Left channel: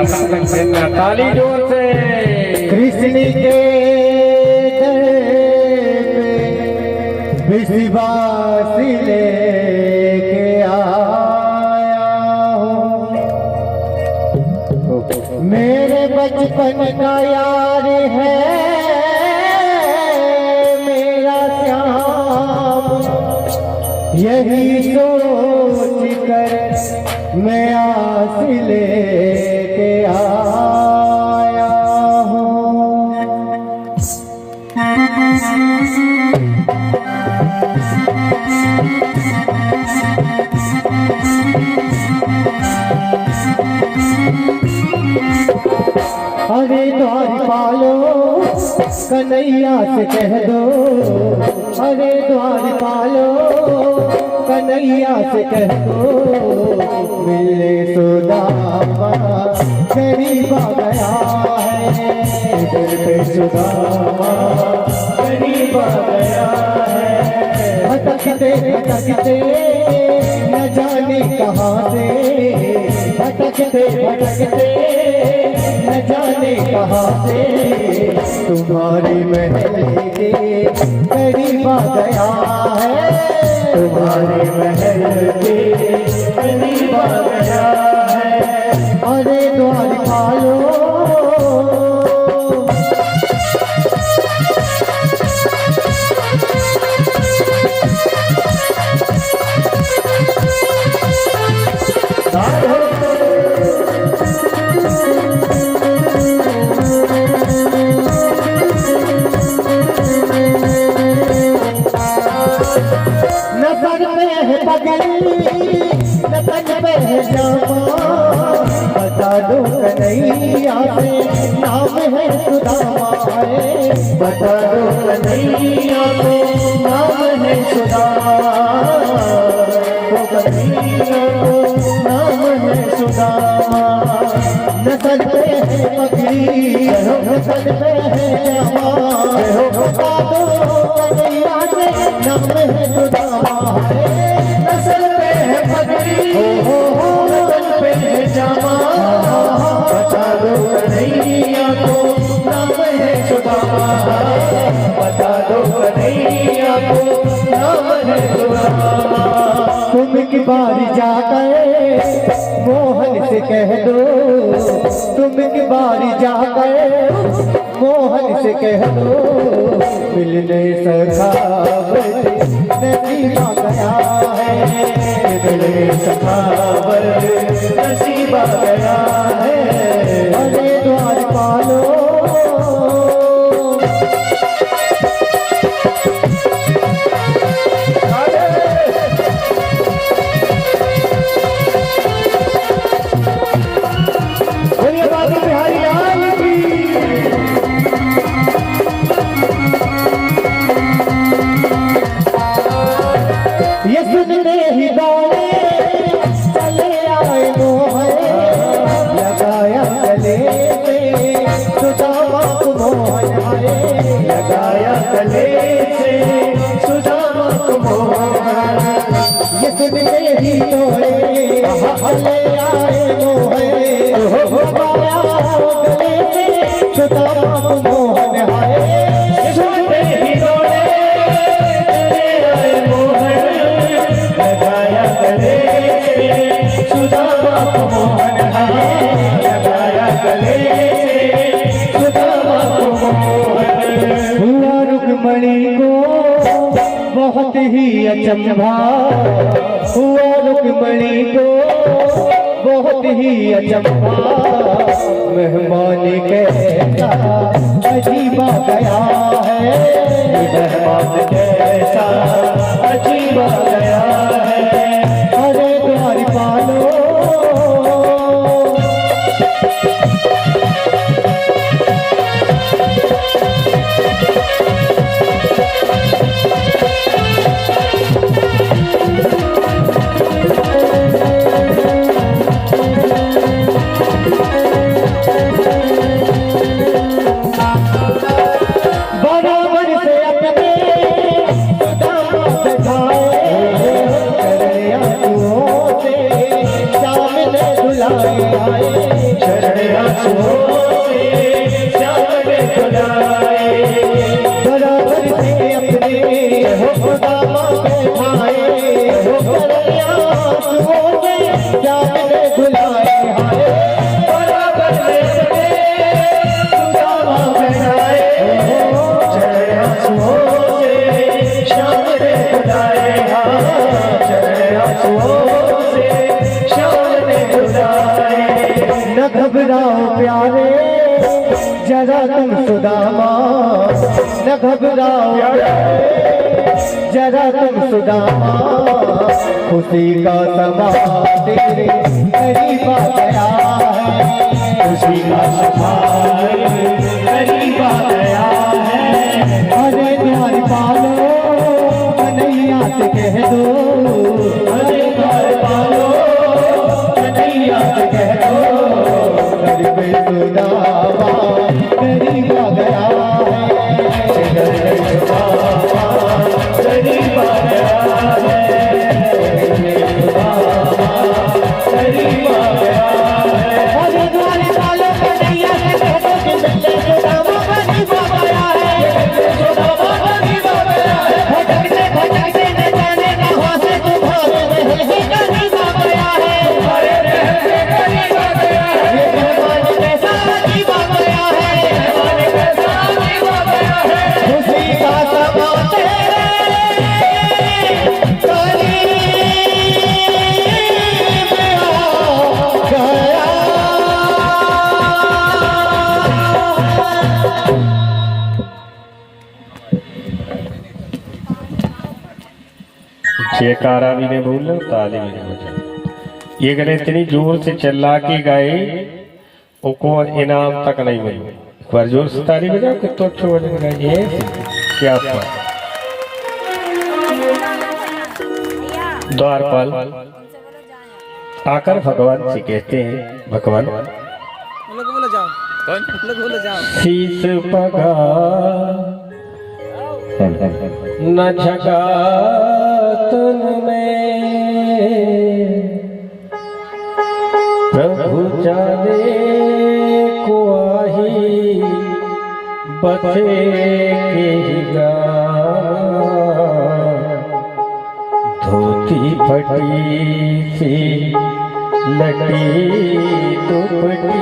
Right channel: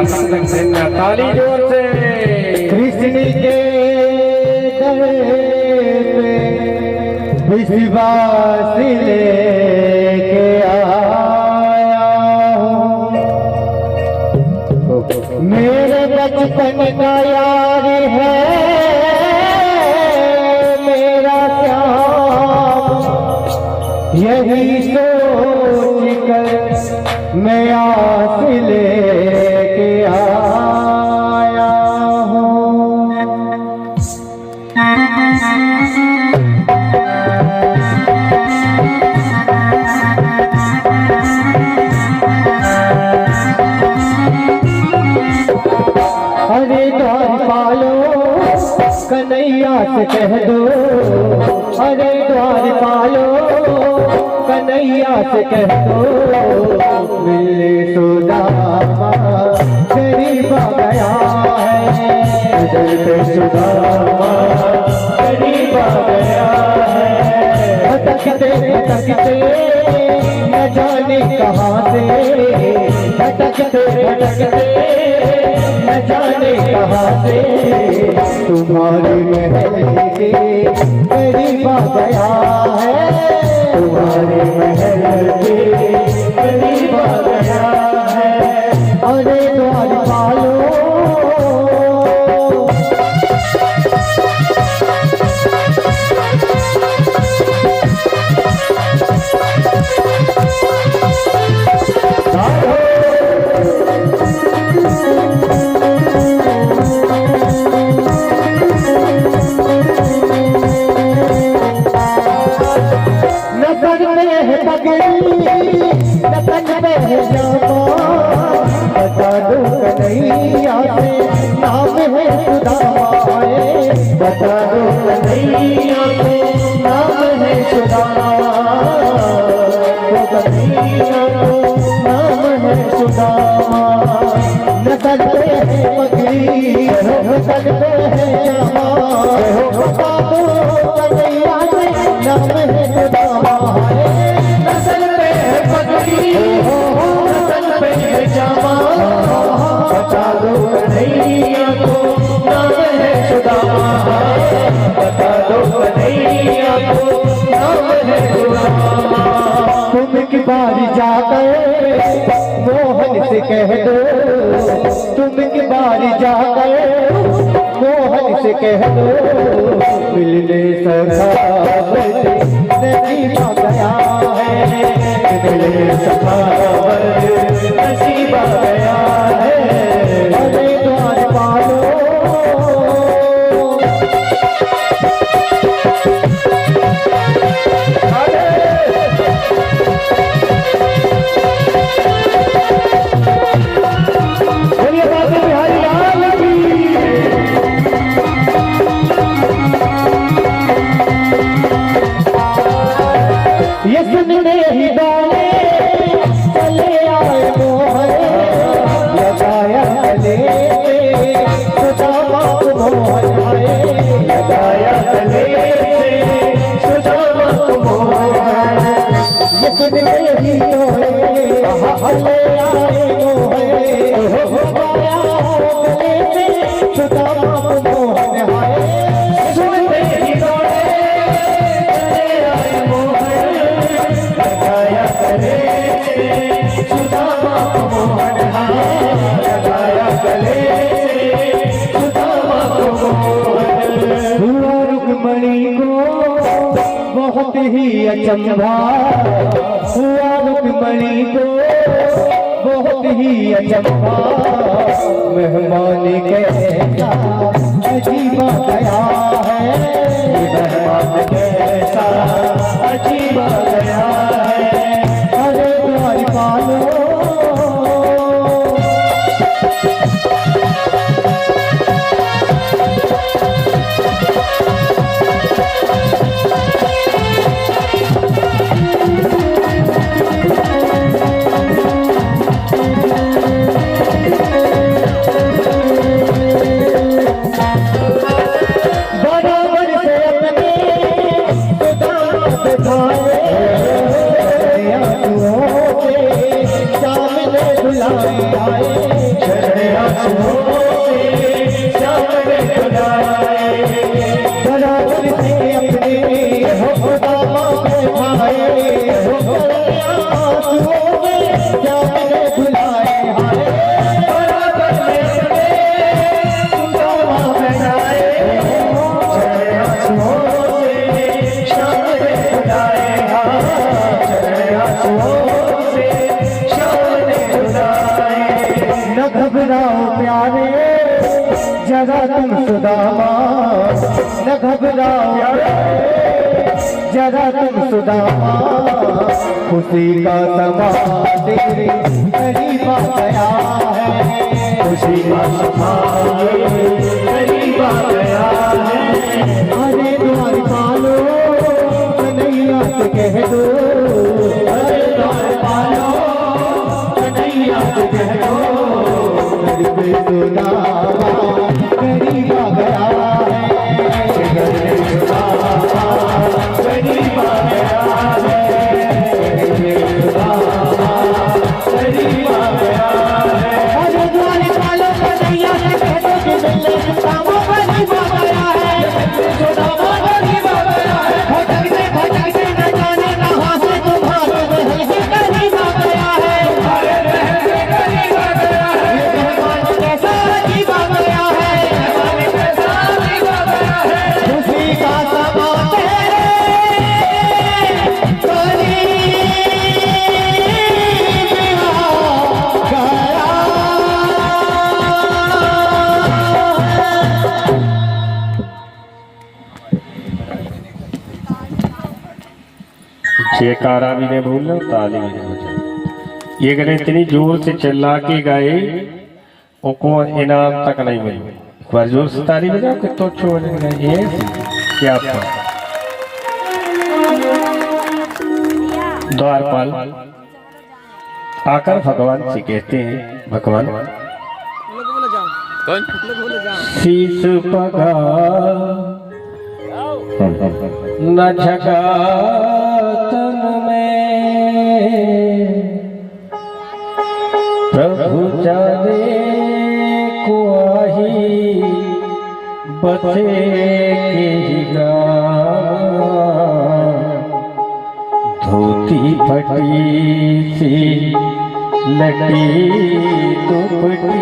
सत्संग सैन्य ताली जोर से। कृष्ण के दर पे विश्वास लेके आया हूँ। मेरे बचपन का यार है मेरा श्याम, यही सोच कर मैं आस लेके आया हूँ। अरे द्वार पालो कन्हैया से कह दो, अरे द्वार पालो कन्हैया से कह दो, मिलने सुदामा गरीब आ गया है, मिलने सुदामा गरीब आ गया है। भटकते भटकते न जाने कहाँ से, भटकते भटकते न जाने कहाँ से, तुम्हारी महल के करीब आ गया है, तुम्हारे महल के करीब आ गया है। अरे द्वार पालो बता दो कन्हैया से नाम है सुदामा, बता दो कन्हैया से नाम है सुदामा, वो कन्हैया को नाम है सुदामा। नसल पे है मगरी नसल पे है हो, बता दो कन्हैया से नाम है सुदामा, नसल पे है मगरी नसल पे है जामा, बता दो कन्हैया को नाम है सुदामा, बता दो कन्हैया को नाम है सुदामा। तुम एक बार जाकर मोहन से कह दो, तुम एक बार जाकर मोहन से कह दो, मिलने सखावत नसीब आ गया है, मिलने सखावत नसीब आ गया है। अरे द्वार पालो ये सुनने ही दौड़े चले आए मोहन, लगाया गले से सुदामा को मोहन, लगाया गले से सुदामा को मोहन। ये सुनने ही दौड़े चले आए मोहन, लगाया गले से सुदामा को मोहन, सुनने ही दौड़े सुदामा को मोहन, लगाया गले से सुदामा को मोहन। हुआ रुक्मणी को बहुत ही अचंभा, हुआ रुक्मणी को बहुत ही अचंभा, मेहमान कैसा अजीब आ गया है, मेहमान कैसा अजीब आ गया है। अरे द्वार पालो बराबर से अपने सुदामा से भावे, दुलाए आए बराबर से अपने हो खुदा बैठाए हो कन्हैया आंसुओं में जाने दुलाए आए बराबर से अपने सुदामा बैठाए हो आंसुओं में जाने दुलाए न घबराओ प्यारे जरा तुम सुदामा न घबराओ जरा तुम सुदामा खुशी का समा तेरे करीब आ गया है खुशी का समा करीब आ गया है अरे द्वार पालो कन्हैया से कह दो अरे द्वार पालो कन्हैया से कह दो सुदामा करीब आ गया करीब आ गया करीब आ गया अरे द्वार पालो कन्हैया से कह दो कि सुदामा करीब आ गया है सुदामा करीब आ गया है भटकते न जाने कहाँ से तुम्हारे करीब आ गया है करीब आ गया जयकारा भी नहीं भूल ताली भी नहीं बजा। ये गले इतनी जोर से चिल्ला के गए उनको इनाम तक नहीं मिले। एक बार जोर से ताली बजाओ कि तो छोड़ गए ये क्या द्वारपाल आकर भगवान से कहते हैं भगवान शीश पगा न झगा तन में प्रभु जाने को आही बचे के धोती फटी सी लटी दुपटी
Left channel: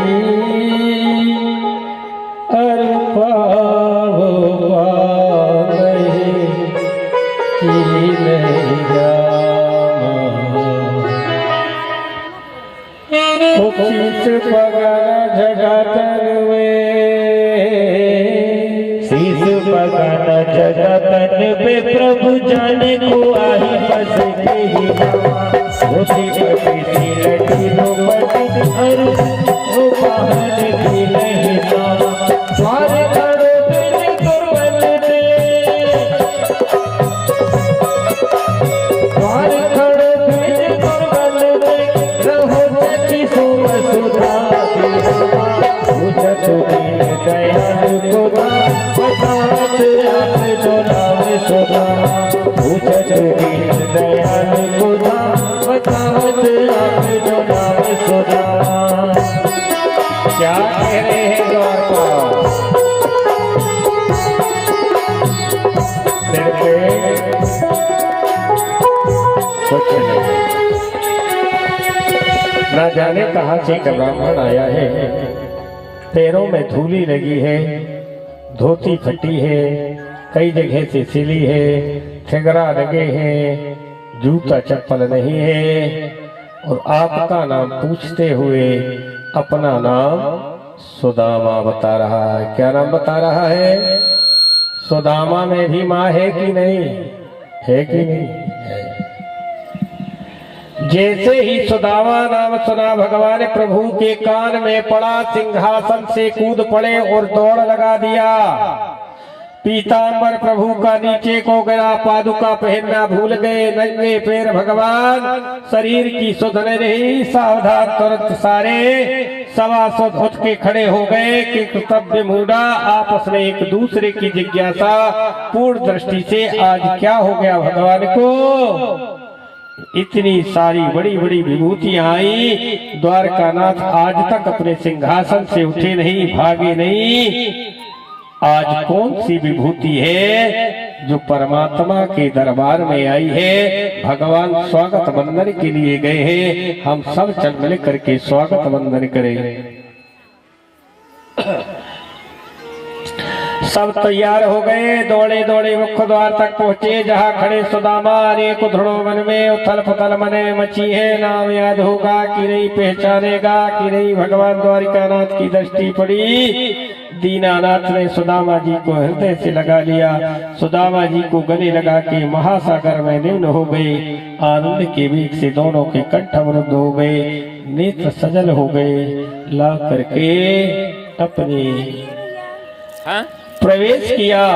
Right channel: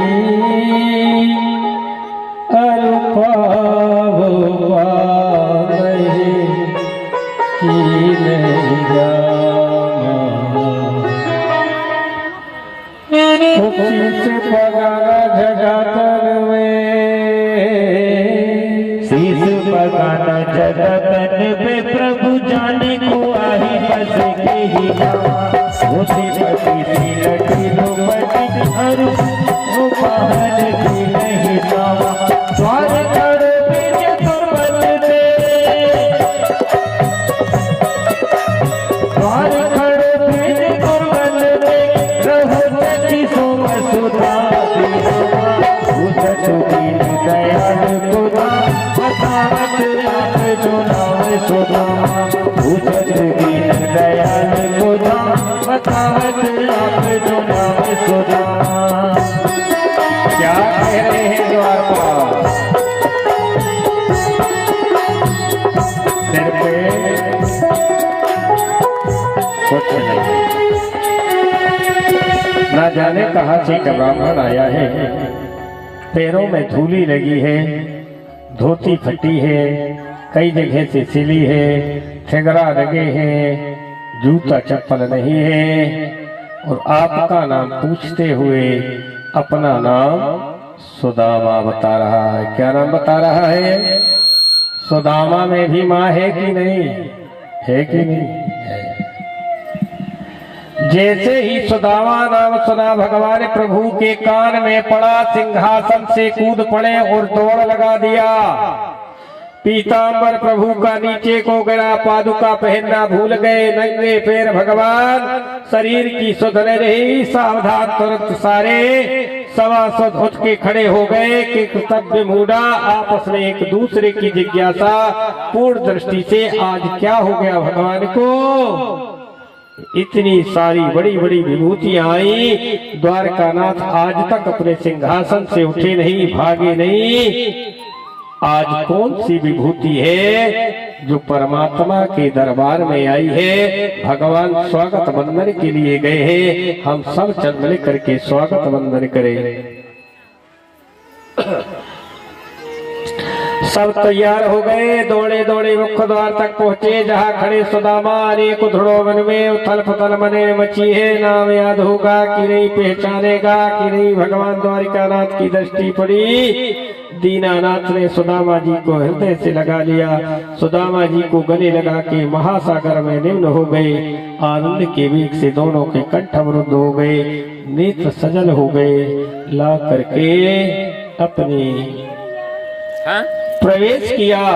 शीश पगाना जगतन में प्रभु जाने को आही बस के ही धोती फटी सी लटी दुपटी वो बाहर की नहीं सावा द्वार खड़ो बिन तुरबल दे द्वार खड़ो बिन तुरबल दे रहो जति सोम सुधा दीन दयाल को बतावत आप जो नाम सुधा दीन दयाल को बतावत आप जो नाम सुधा क्या कह रहे हैं द्वारपाल सिर पे कुछ नहीं ना जाने कहाँ से का ब्राह्मण आया है पैरों में धूली लगी है धोती फटी है कई जगह से सिली है ठेगरा लगे हैं जूता चप्पल नहीं है और आपका नाम पूछते हुए अपना नाम सुदामा बता रहा है। क्या नाम बता रहा है? सुदामा में भी माँ है कि नहीं है कि नहीं है। जैसे ही सुदामा नाम सुना भगवान प्रभु के कान में पड़ा सिंहासन से कूद पड़े और दौड़ लगा दिया। पीतांबर प्रभु का नीचे को गिरा पादुका पहनना भूल गए नंगे पैर भगवान शरीर की सुध नहीं रही सावधान तुरंत सारे सवा सुध उठ के खड़े हो गए कि कर्तव्य मूडा आपस में एक दूसरे की जिज्ञासा पूर्ण दृष्टि से आज क्या हो गया भगवान को इतनी सारी बड़ी बड़ी विभूतियां आई, द्वारकानाथ आज तक अपने सिंहासन से उठे नहीं, भागे नहीं। आज कौन सी विभूति है जो परमात्मा के दरबार में आई है? भगवान स्वागत वंदन के लिए गए हैं, हम सब चल मिल करके स्वागत वंदन करें। सब तैयार हो गए, दौड़े दौड़े मुख्य द्वार तक पहुंचे, जहां खड़े सुदामा। अनेक उधड़ों मन में उथल पुथल मने मची है, नाम याद होगा कि नहीं, पहचानेगा कि नहीं। भगवान द्वारिकानाथ की दृष्टि पड़ी, दीनानाथ ने सुदामा जी को हृदय से लगा लिया, सुदामा जी को गले लगा के महासागर में निम्न हो गए। आनंद के वेग से दोनों के कंठ अवरुद्ध हो गए, नेत्र सजल हो गए। ला करके अपने प्रवेश किया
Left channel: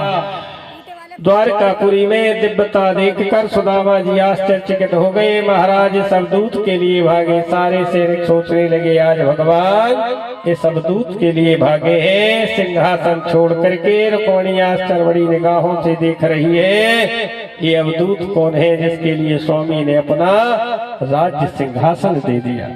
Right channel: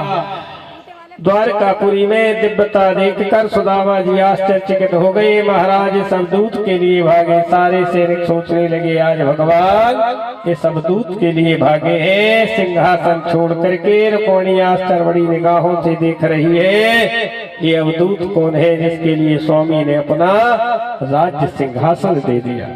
द्वारकापुरी में। दिव्यता देखकर सुदामा जी आश्चर्यचकित हो गए। महाराज इस अवधूत के लिए भागे। सारे सैनिक सोचने लगे आज भगवान इस अवधूत के लिए भागे हैं। सिंहासन छोड़ करके रुक्मिणी आश्चर्य बड़ी निगाहों से देख रही है, ये अवधूत कौन है जिसके लिए स्वामी ने अपना राज्य सिंहासन दे दिया।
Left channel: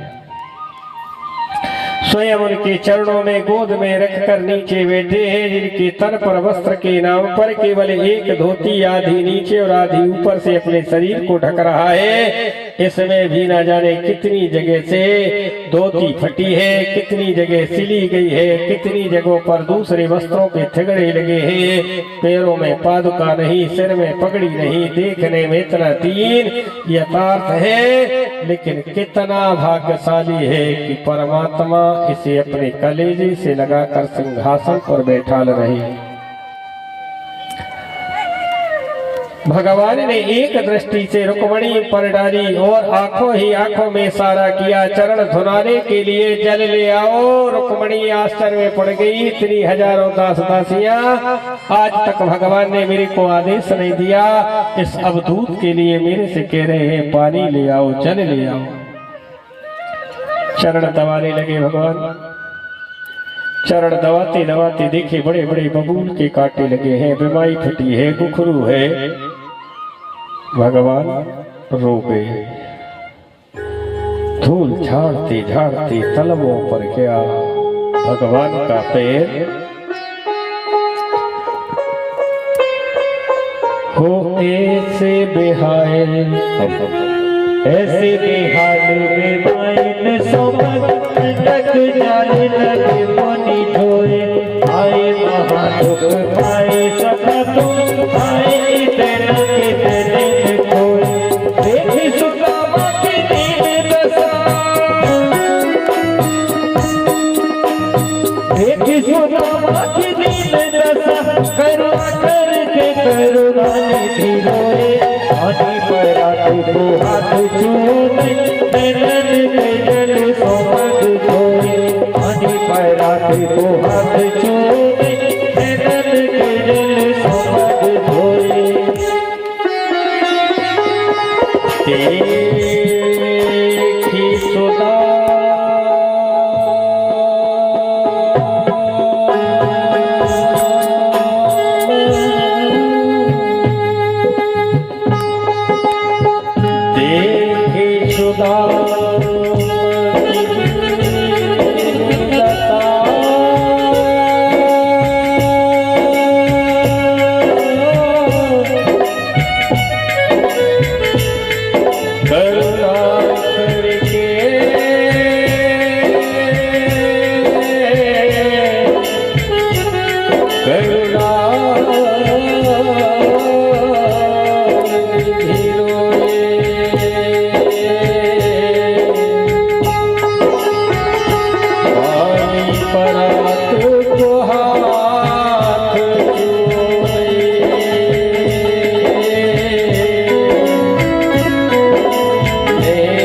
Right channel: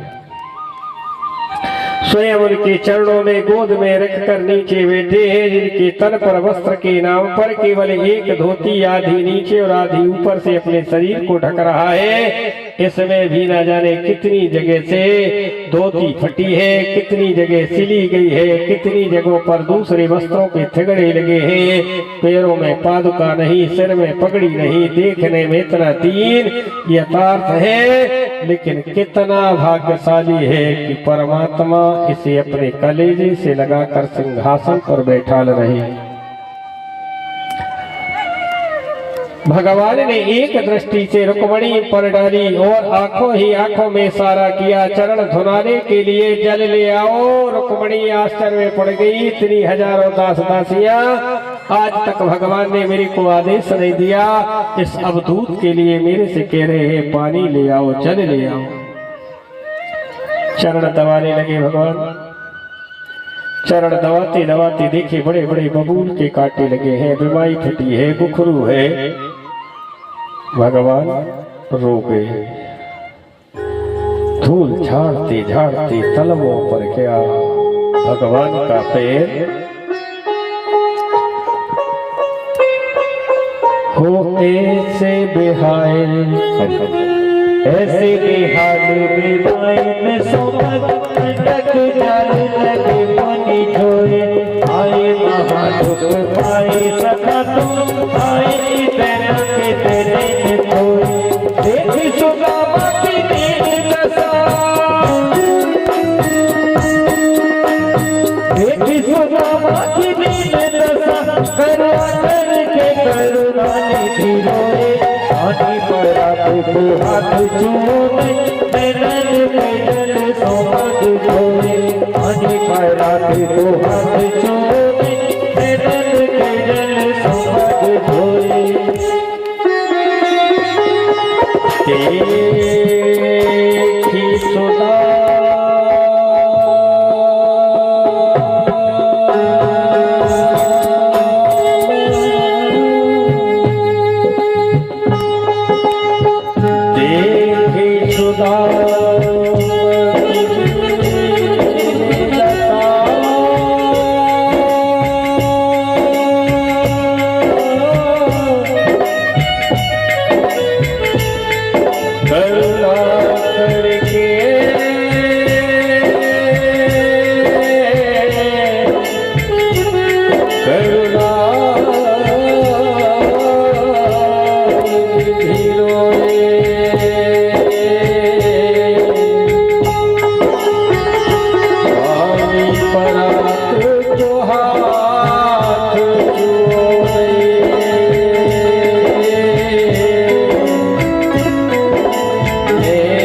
स्वयं उनके चरणों में गोद में रखकर नीचे बैठे हैं, जिनके तन पर वस्त्र के नाम पर केवल एक धोती आधी नीचे और आधी ऊपर से अपने शरीर को ढक रहा है। इसमें भी न जाने कितनी जगह से धोती फटी है, कितनी जगह सिली गई है, कितनी जगहों पर दूसरे वस्त्रों के थिगड़े लगे हैं। पैरों में पादुका नहीं, सिर में पगड़ी नहीं, देखने में इतना दीन यथार्थ है, लेकिन कितना भाग्यशाली है कि परमात्मा इसे अपने कलेजे से लगाकर सिंहासन पर बैठा रहे। भगवान ने एक दृष्टि से रुक्मिणी पर डाली और आंखों ही आंखों में इशारा किया, चरण धुनाने के लिए जल ले आओ। रुक्मिणी आश्चर्य में पड़ गई, इतनी हजारों दास दासियां, आज तक भगवान ने मेरे को आदेश नहीं दिया, इस अवधूत के लिए मेरे से कह रहे हैं पानी ले आओ, जल ले आओ। चरण दबाने लगे भगवान। चरण दबाते दबाते देखे बड़े बड़े बबूल के कांटे लगे हैं, बीमारी फटी है, बुखरू है। भगवान रो गए। धूल झाड़ते झाड़ते तलवों पर गया भगवान का पैर। हो ऐसे बेहाल, ऐसे बेहाल बेबाइन सोमन तक जाने लगे पानी ढोए। आए महादुख आए सखा तुम, आए तेना के तेरे खोए। देखी सुदामा की दीन दशा, देखी सुदामा की दीन दशा, करुणा करके करुणा निधि रोए। हाथी पड़ा तो हाथ छूने, नैनन में जल सोमद धोए। हाथी पड़ा तो हाथ छूने, नैनन में जल सोमद धोए। देखी सुदा Yeah.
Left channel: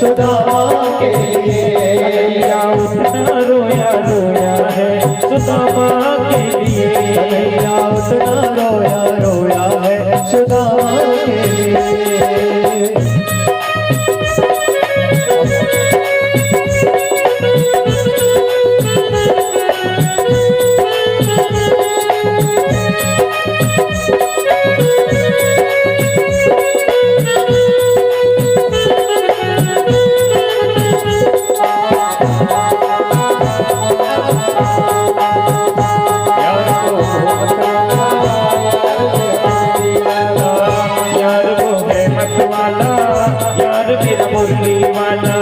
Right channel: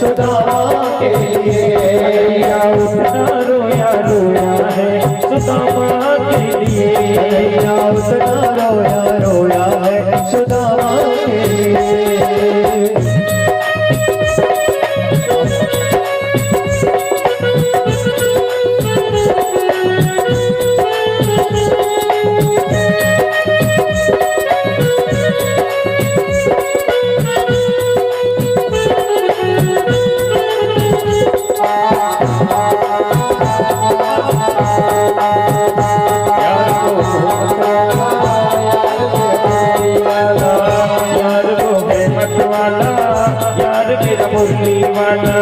सुदामा के लिए। कन्हैया उतना रोया रोया है सुदामा के लिए। कन्हैया उतना रोया रोया है सुदामा के लिए। यार वो है मत वाला यार मेरा मुरली वाला।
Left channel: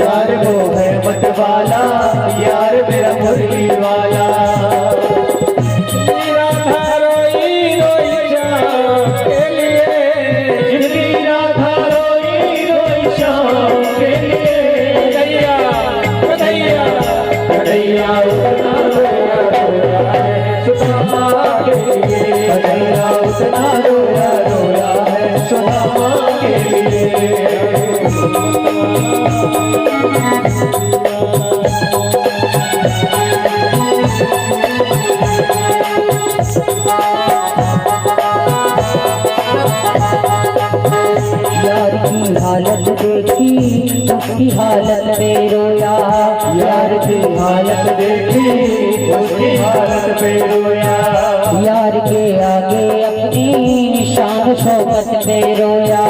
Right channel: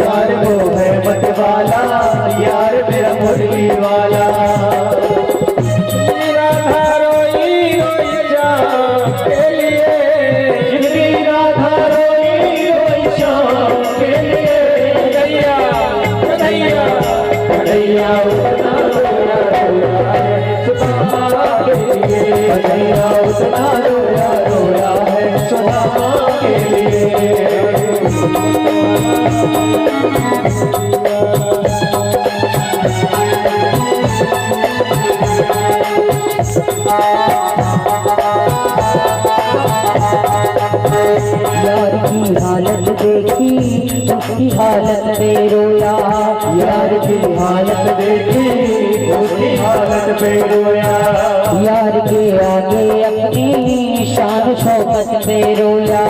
यार वो है मत वाला यार मेरा मुरली वाला। राधा रोई रोई श्याम के लिए। जिनकी राधा रोई रोई श्याम के लिए। कन्हैया कन्हैया कन्हैया उतना रोया रोया है सुदामा के लिए। कन्हैया उतना रोया रोया है सुदामा के लिए। यार की हालत देखी उसकी हालत पे रोया। यार की हालत देखी उसकी हालत पे रोया। यार के आगे अपनी शान शौकत पे रोया।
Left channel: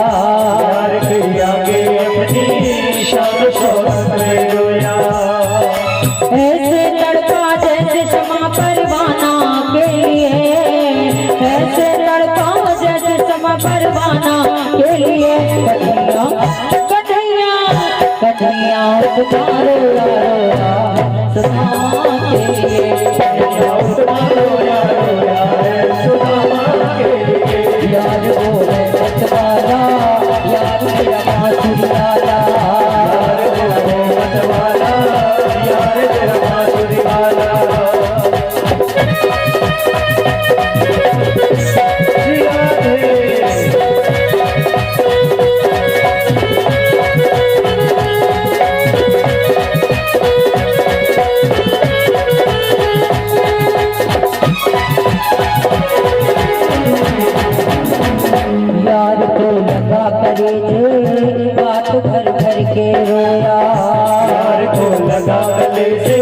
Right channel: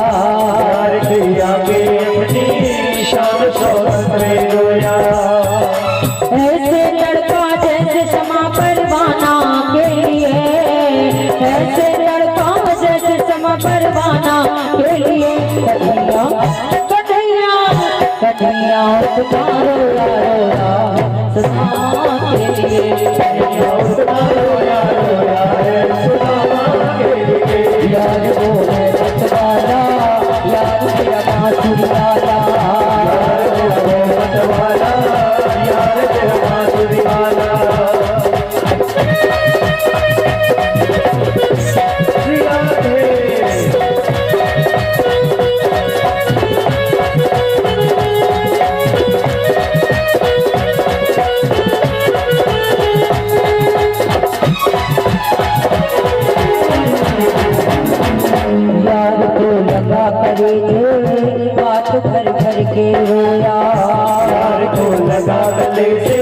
यार के आगे अपनी शान शौकत पे रोया। ऐसे लड़का जैसे समा परवाना के लिए। ऐसे लड़का जैसे समा परवाना के लिए। कन्हैया कन्हैया कन्हैया उतना रोया रोया सुदामा के लिए। कन्हैया उतना रोया रोया है सुदामा के लिए। यार वो है मत वाला यार मेरा बांसुरी वाला। यार वो मत वाला यार मेरा बांसुरी वाला। यार को लगा कलेजे बात भर भर के रोया। यार को लगा कलेजे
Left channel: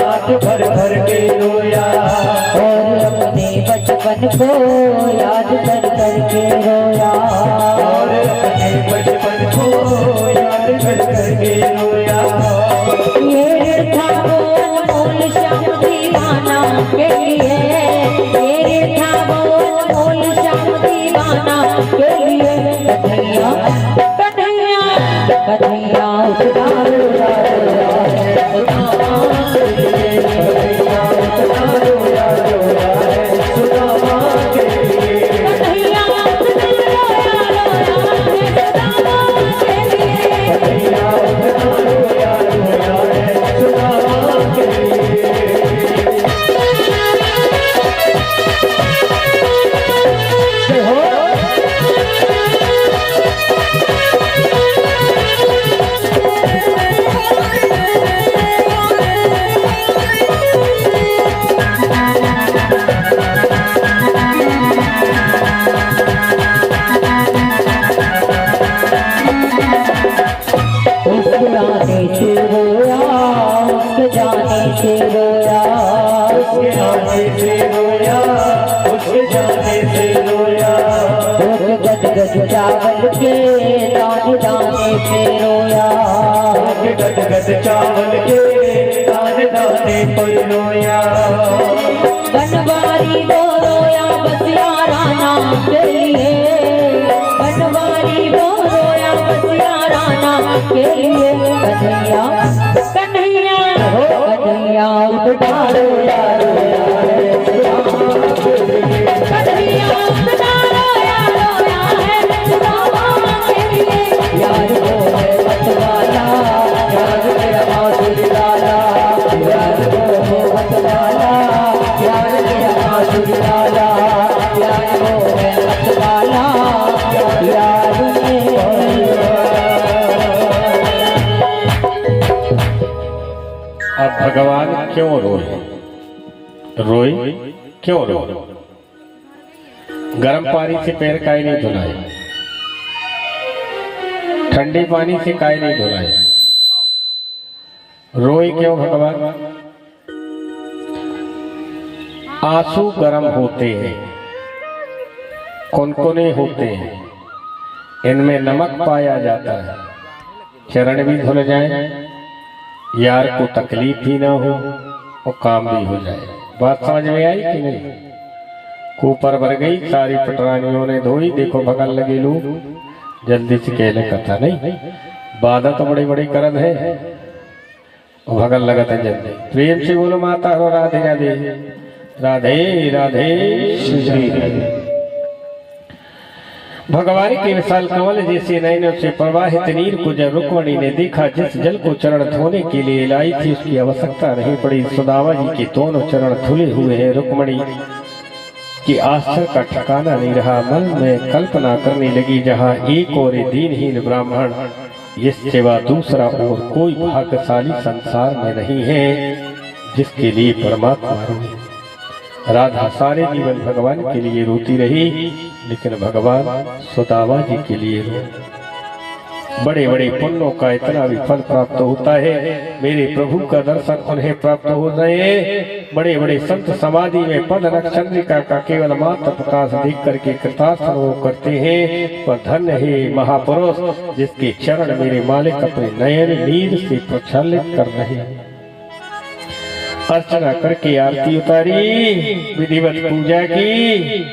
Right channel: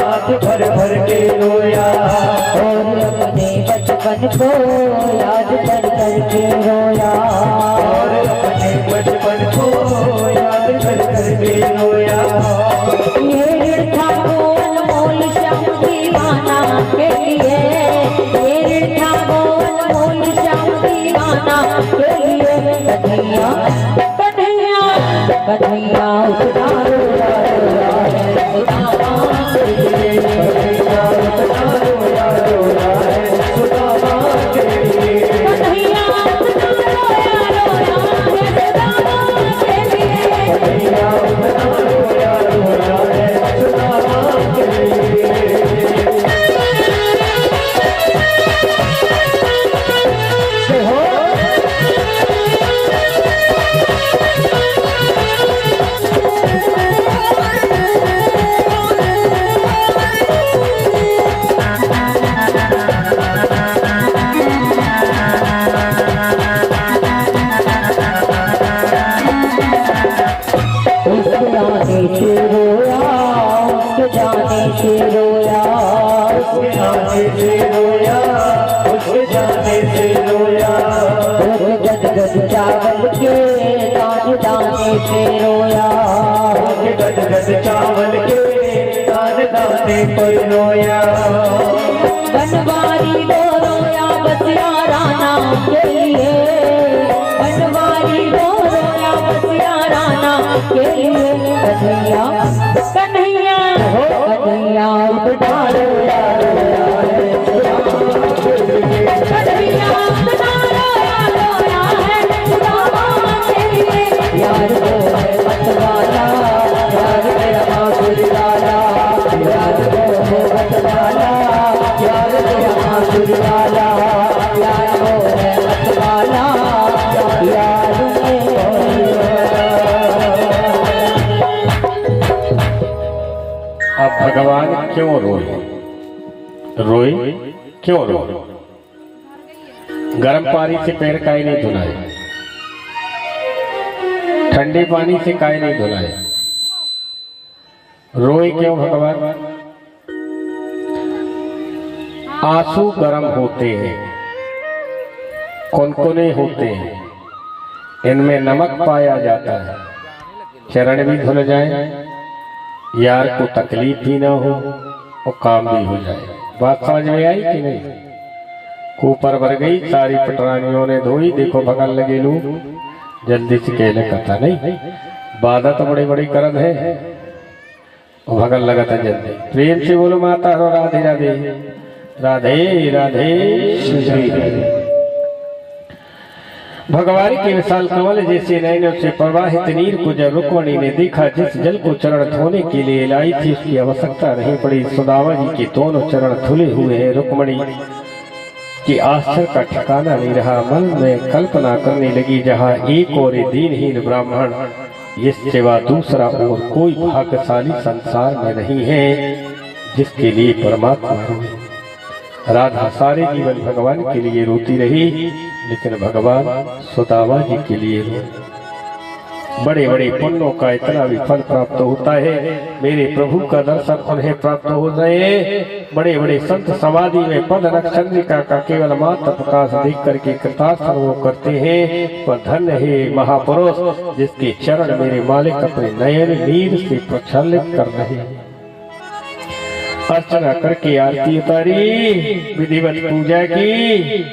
बात भर भर के रोया। और अपने बचपन को याद कर कर के रोया। और अपने बचपन को याद कर कर के रोया। ये था वो अनमोल श्याम दीवाना के लिए। ये था वो अनमोल श्याम दीवाना के लिए। कन्हैया कन्हैया कन्हैया उतना रोया रोया है सुदामा के लिए। कन्हैया उतना रोया रोया है सुदामा के लिए। कन्हैया उतना रोया रोया है सुदामा के लिए। कन्हैया उतना रोया रोया है सुदामा के लिए। उसके आने से रोया उसके जाने से रोया। उसके आने से रोया उसके जाने से रोया। गद गद चावल के दाने दाने पे रोया। गद गद चावल के दाने दाने पे रोया। बनवारी वो रोया बस यारा नाम के लिए। बनवारी वो रोया बस यारा नाम के लिए। कन्हैया कन्हैया कन्हैया उतना रोया रोया है सुदामा के लिए। कन्हैया उतना रोया रोया है सुदामा के लिए। यार वो है मत वाला यार मेरा बांसुरी वाला। यार वो मत वाला यार मेरा बांसुरी वाला। यार वो है मत वाला यार मेरा भगवान क्यों रोए? रोए क्यों रोए? गर्म पानी से पैर काहे नहीं धुलाए? ठंडे पानी से काहे नहीं धुलाए? रोए क्यों भगवान? आंसू गर्म होते हैं, कौन-कौने होते हैं, इनमें नमक पाया जाता है। चरण भी धुल जाए, यार को तकलीफ भी ना हो और काम भी हो जाए। बात समझ में आई कि नहीं? ऊपर भर गई, सारी पटरानियों ने धोई, देखो भगन लगे लोग जल्दी से कहले कथा नहीं, बाधा तो बड़े बड़े करद है और भगन लगत है जल्दी। प्रेम से बोलो माता हो राधे राधे राधे राधे श्री। भगवान के विशाल कमल जैसे नयनों से प्रवाहित नीर को जब रुक्मणी ने देखा, जिस जल को चरण धोने के लिए लाई थी उसकी आवश्यकता नहीं पड़ी। सुदामा जी के दोनों चरण धुले हुए हैं। रुक्मणी की आश्चर्य का ठिकाना नहीं रहा। मन में कल्पना करने लगी, जहाँ एक और दीनहीन ब्राह्मण, इस सिवा दूसरा और कोई भाग्यशाली संसार में नहीं है जिसके लिए परमात्मा रोए। राधा सारे जीवन भगवान के लिए रोती रही, लेकिन भगवान सुदामा जी के लिए रोए। बड़े बड़े पुण्यों का इतना भी फल प्राप्त होता है। मेरे प्रभु का दर्शन उन्हें प्राप्त हो गए। बड़े बड़े संत समाधि में पद नक्षत्रिका का केवल मात्र प्रकाश देख करके कृतार्थ अनुभव करते हैं। वह धन्य है महापुरुष जिसके चरण मेरे मालिक अपने नयन नीर से प्रक्षालित कर रहे हैं। अर्चना करके आरती उतारी, विधिवत पूजा की।